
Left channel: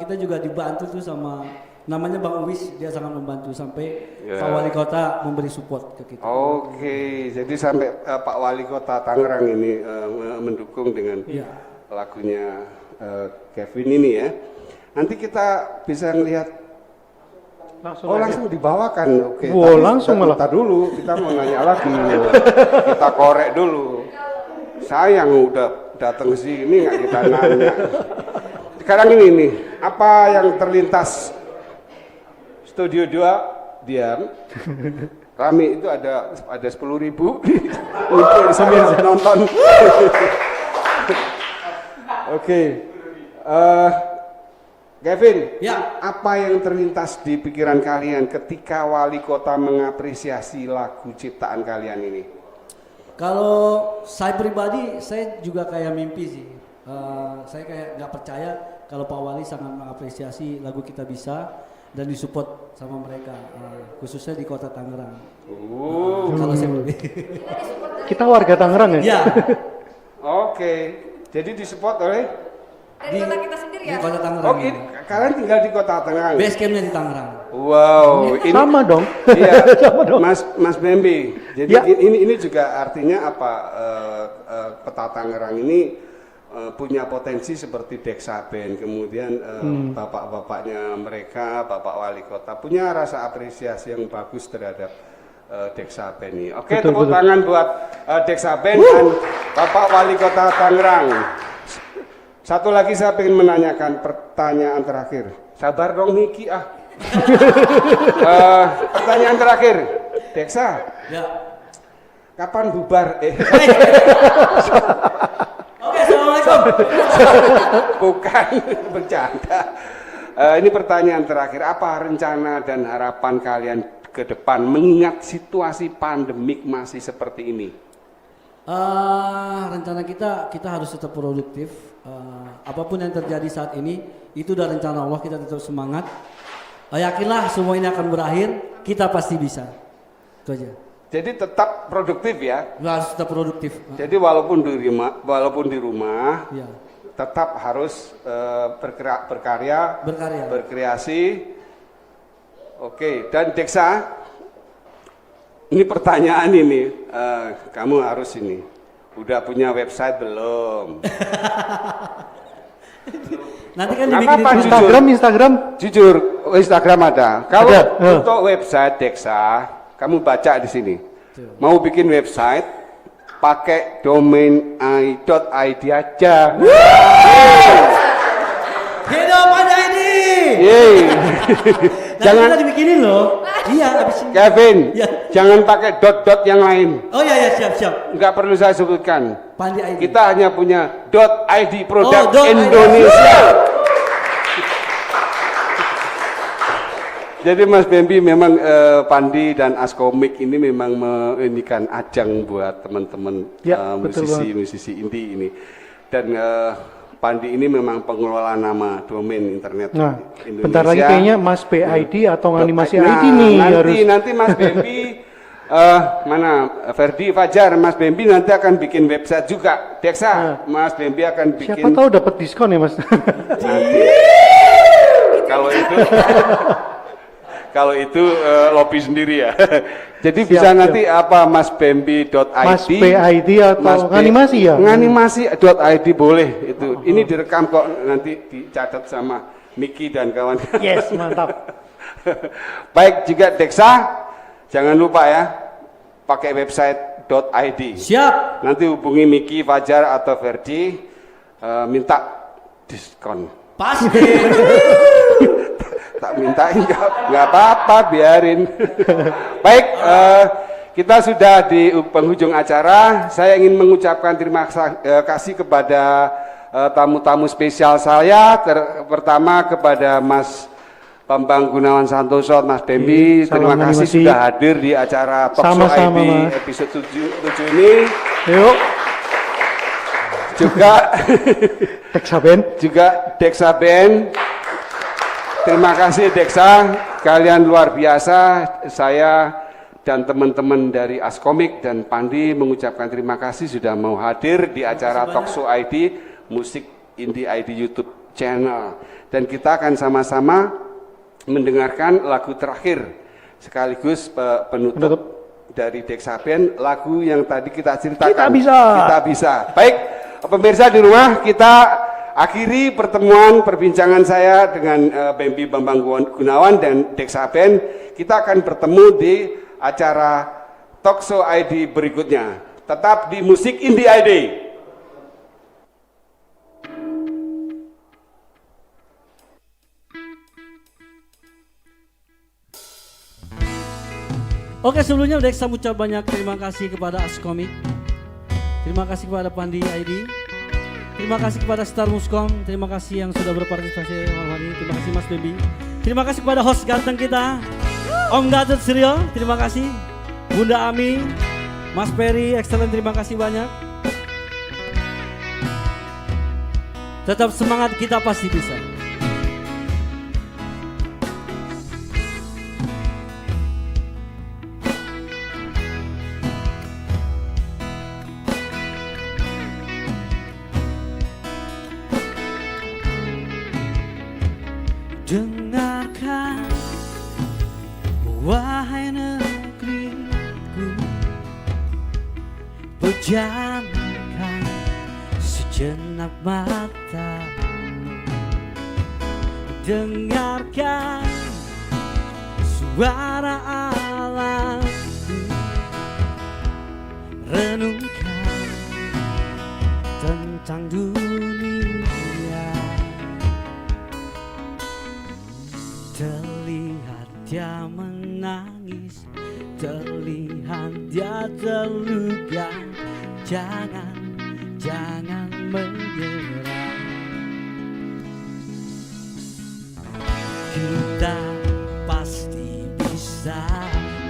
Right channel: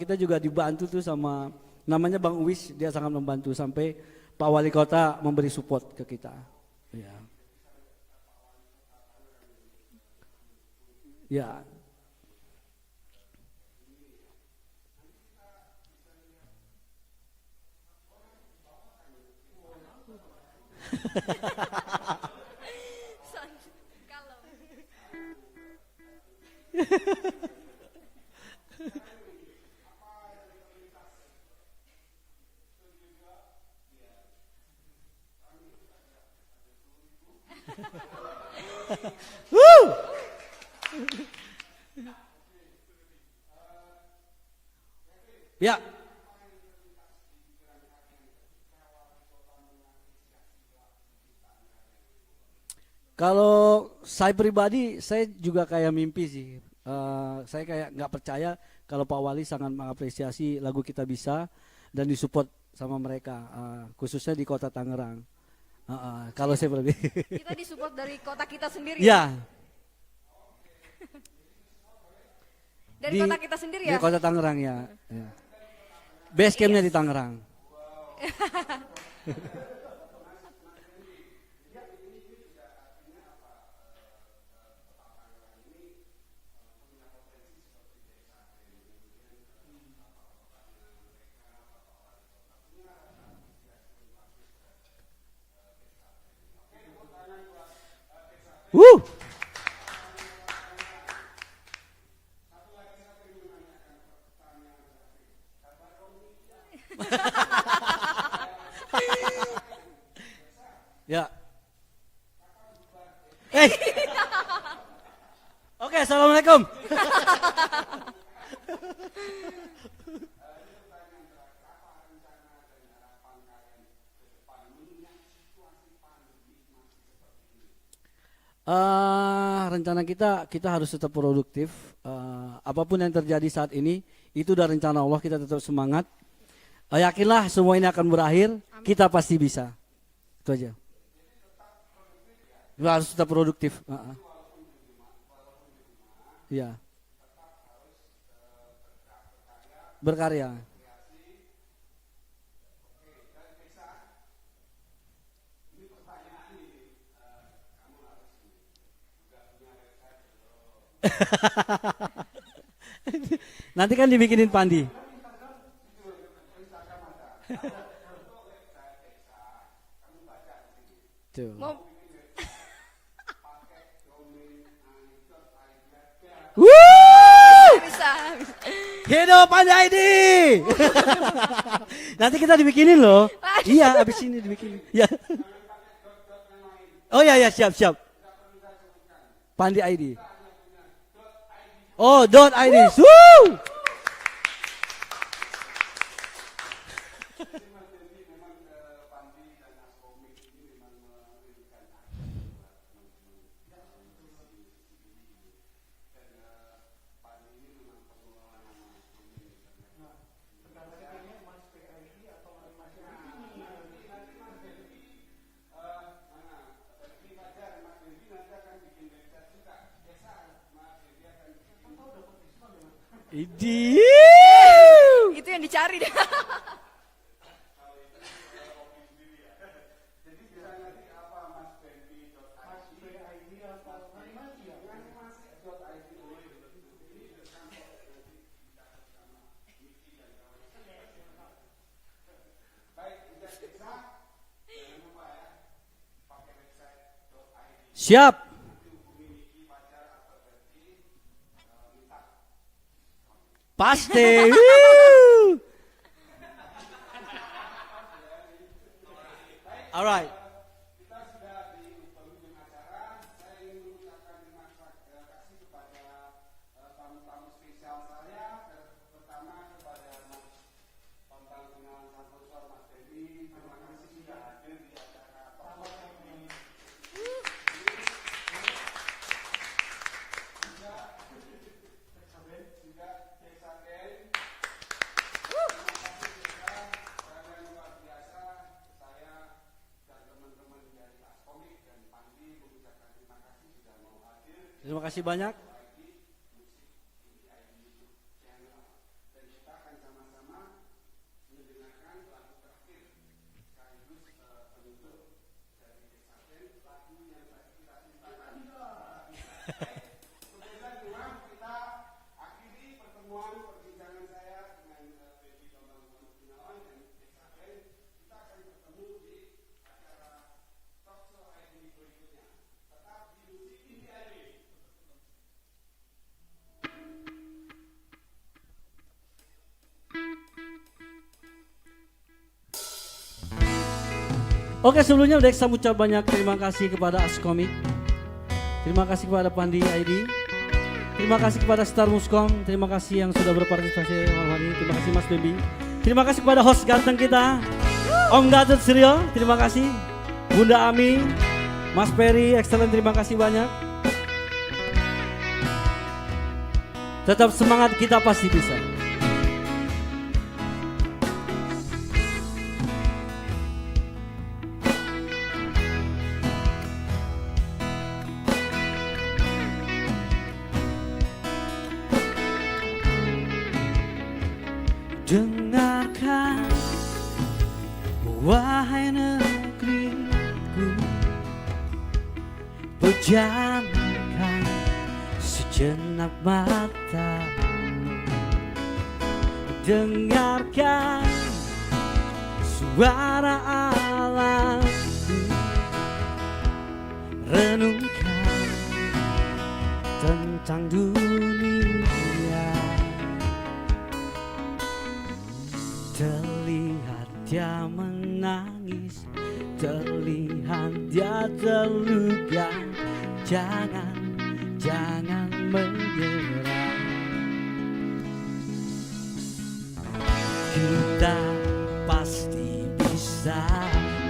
Kita juga dibantu tuh sama namanya Bang Uwis, dia sangat membantu sampai Ya. Pak Wali Kota memberi support ke kita. Oke, jadi sampai Pak Wali Kota Tangerang ini mendukung dengan Ya. lagunya Kevin ini ya. Nanti kita bisa ngelihat. Langsung Oh aja. langsung dibawakan, oke. Wow, Tapi langsung malah. bentar dulu, kita mau nanya lagi. Kita korek dulu. Sayang udah datang ke sini nggak kita nanya. Sekarang ini nih, apa yang terlintas Studio 2 diam. Rame itu ada 10.000 untuk sambil nonton. Oke. Kevin, Ya. apa yang terlintas di pikiran kalian ketika wali kota mengapresiasi lagu ciptaan kalian ini? Kalau saya pribadi, saya juga kayak mimpi sih. Saya kayak nggak percaya kalau Pak Wali sangat mengapresiasi lagu Kita Bisa dan disupport sama mereka, khususnya di kota Tangerang. Kalau saya lebih. Kita disupport dari Kita warga Tangerang ya? Ya, Oke, jadi disupport oleh dari kota kita sendiri di ya. kota Tangerang Oke, ya. kalian tinggal di kota Tangerang. Base campnya di Tangerang. Wow, ini Sama dong. iya, Sama dong. Mas Bembi. Jadi Ya. ini juga artinya apa? Kota Tangerang ini punya potensi seperti Deksa Band, kemudian bapak-bapaknya mereka, bapak wali kota punya rasa apresiasi yang bagus terhadap Deksa Band ini. Oke, Betul, tepuk betul. tangan buat Deksa Band dan bapak wali kota Tangerang. Satu lagi saya ingin menanyakan pertanyaan terakhir. Sabar dong Niki ah. Pertanyaan terakhir, Deksa, Ya. kapan bubar? Oke, assalamualaikum. Bukan, bercanda. Ini pertanyaan terakhir, apa rencana dan harapan kalian ke depan mengingat situasi pandemik masih seperti ini? Rencana kita harus tetap produktif. Apapun yang terjadi saat ini, itu udah rencana Allah. Kita tetap semangat. Yakinlah semua ini akan berakhir. Kita pasti bisa. Itu aja. Jadi tetap produktif ya. Kita harus tetap produktif. Jadi walaupun di rumah, Ya, tetap harus berkarya, berkarya. berkreasi. Oke, dan Deksa, ini pertanyaan ini, kamu harus ini, udah punya website belum? Nanti kan Nggak dibikinin apa-apa, panjang. Instagram. Jujur, Instagram ada. Kalau Ada, untuk website Deksa, kamu baca di sini. Tuh. Mau bikin website, pakai domain .id aja. Hidup aja ini. Yeay. Nanti kita dibikinin loh. Iya, abis ini. Kevin, Ya. jangan pakai dot yang lain. Oh ya ya, siap. Nggak perlu saya sebutkan. Pandi ID. Kita hanya punya .id produk Oh, .id. Indonesia. Jadi Mas Bembi memang Pandi dan Askomik ini memang mengindikan ajang buat teman-teman Ya, betul musisi indie ini. Dan Pandi ini memang pengelola nama domain internet Nah, Indonesia. bentar lagi kayaknya Mas PID atau animasi Nah, ID nih harus. nanti Mas Bembi mana Ferdi Fajar, Mas Bembi nanti akan bikin website juga. Deksa, Mas Bembi akan bikin. Siapa tahu dapat diskon ya Mas. Itu yang Kalau dicari. Kalau itu lobby sendiri ya. Jadi Siap, bisa siap. nanti apa masbembi.id, Mas PID atau nganimasi ya? Nganimasi.id boleh itu. Ini direkam kok nanti dicatat sama Miki dan kawan. Yes, mantap. Baik, juga Deksa jangan lupa ya pakai website.id. Siap. Nanti hubungi Miki, Fajar atau Ferdi minta diskon. Pasti. Tak mintain nggak apa-apa, biarin. Baik, kita sudah di penghujung acara. Saya ingin mengucapkan terima kasih kepada tamu-tamu spesial saya. Pertama kepada Mas Bambang Gunawan Santoso, Mas Bembi. Salam Terima kasih animasi. sudah hadir di acara Talkshow Sama-sama, ID Mas. episode 7 ini. Yuk, Juga Deksa Band. Deksa Band. Terima kasih Deksa, kalian luar biasa. Saya dan teman-teman dari Askomik dan Pandi mengucapkan terima kasih sudah mau hadir di acara kasih banyak. Talkshow ID, Musik Indie ID YouTube channel. Dan kita akan sama-sama mendengarkan lagu terakhir sekaligus penutup dari Dexaben, lagu yang tadi kita ceritakan. Kita bisa. Kita bisa. Baik, pemirsa di rumah, kita akhiri pertemuan perbincangan saya dengan Bambi Bambang Gunawan dan Dexaben. Kita akan bertemu di acara Talkshow ID berikutnya. Tetap di Musik Indie ID. Oke, sebelumnya Dex ucap banyak terima kasih kepada Askomik. Terima kasih kepada Pandi ID. Terima kasih kepada Star Muskom. Terima kasih yang sudah berpartisipasi malam hari ini. Terima kasih Mas Baby. Terima kasih kepada host ganteng kita Om Gatot Suryo. Terima kasih Bunda Ami, Mas Peri, excellent. Terima kasih banyak. Tetap semangat, kita pasti bisa. Dengarkan, wahai negeriku, pejamkan sejenak matamu. Dengarkan suara alamku, renungkan tentang dunia. Terlihat dia menangis, terlihat dia terluka. Jangan menyerah. Kita pasti bisa,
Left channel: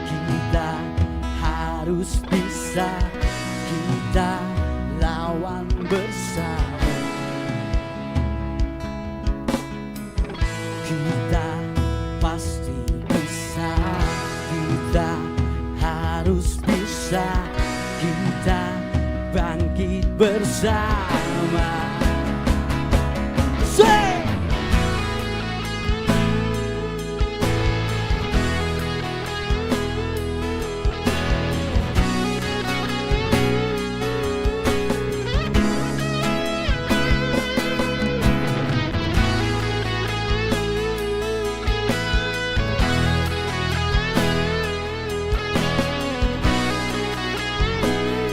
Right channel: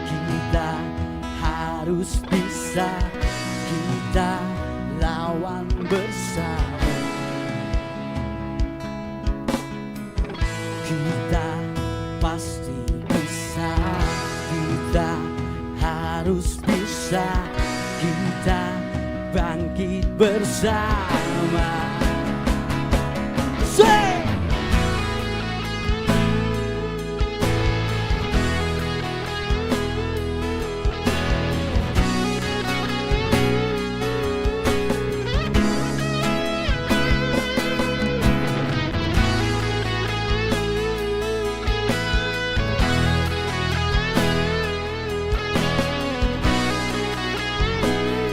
kita harus bisa, kita lawan bersama. Kita pasti bisa, kita harus bisa, kita bangkit bersama. Say!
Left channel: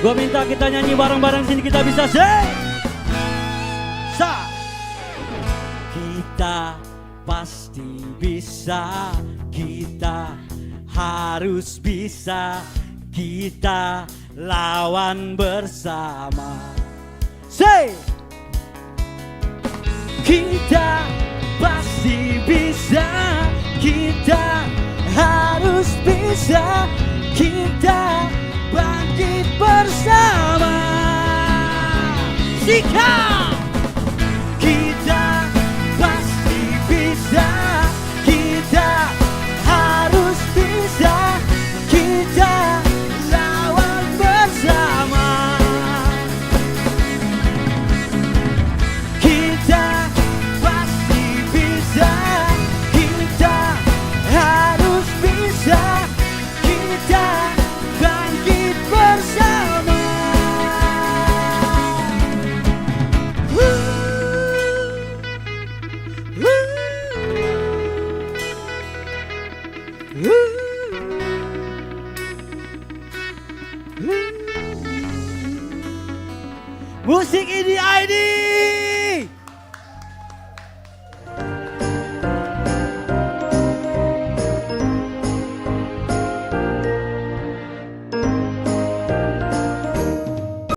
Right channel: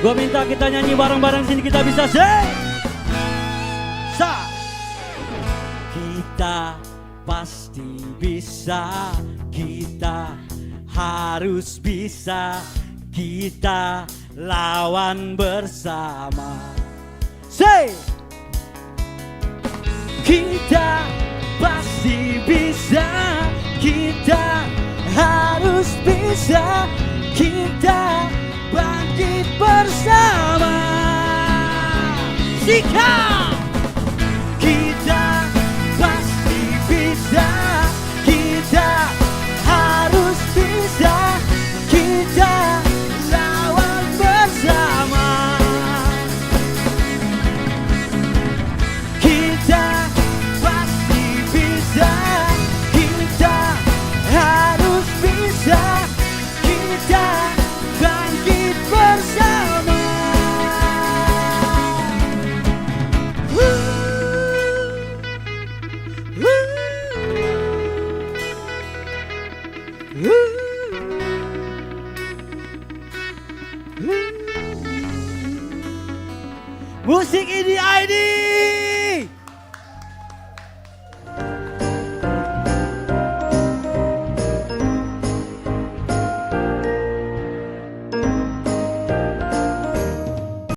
Gua minta kita nyanyi bareng-bareng sini, kita bisa say. Sa. Kita pasti bisa, kita harus bisa, kita lawan bersama. Say. Kita pasti bisa, kita harus bisa, kita bangkit bersama. Sikap. Kita pasti bisa, kita harus bisa, kita lawan bersama. Kita pasti bisa, kita harus bisa, kita bangkit bersama. Musik Indie ID.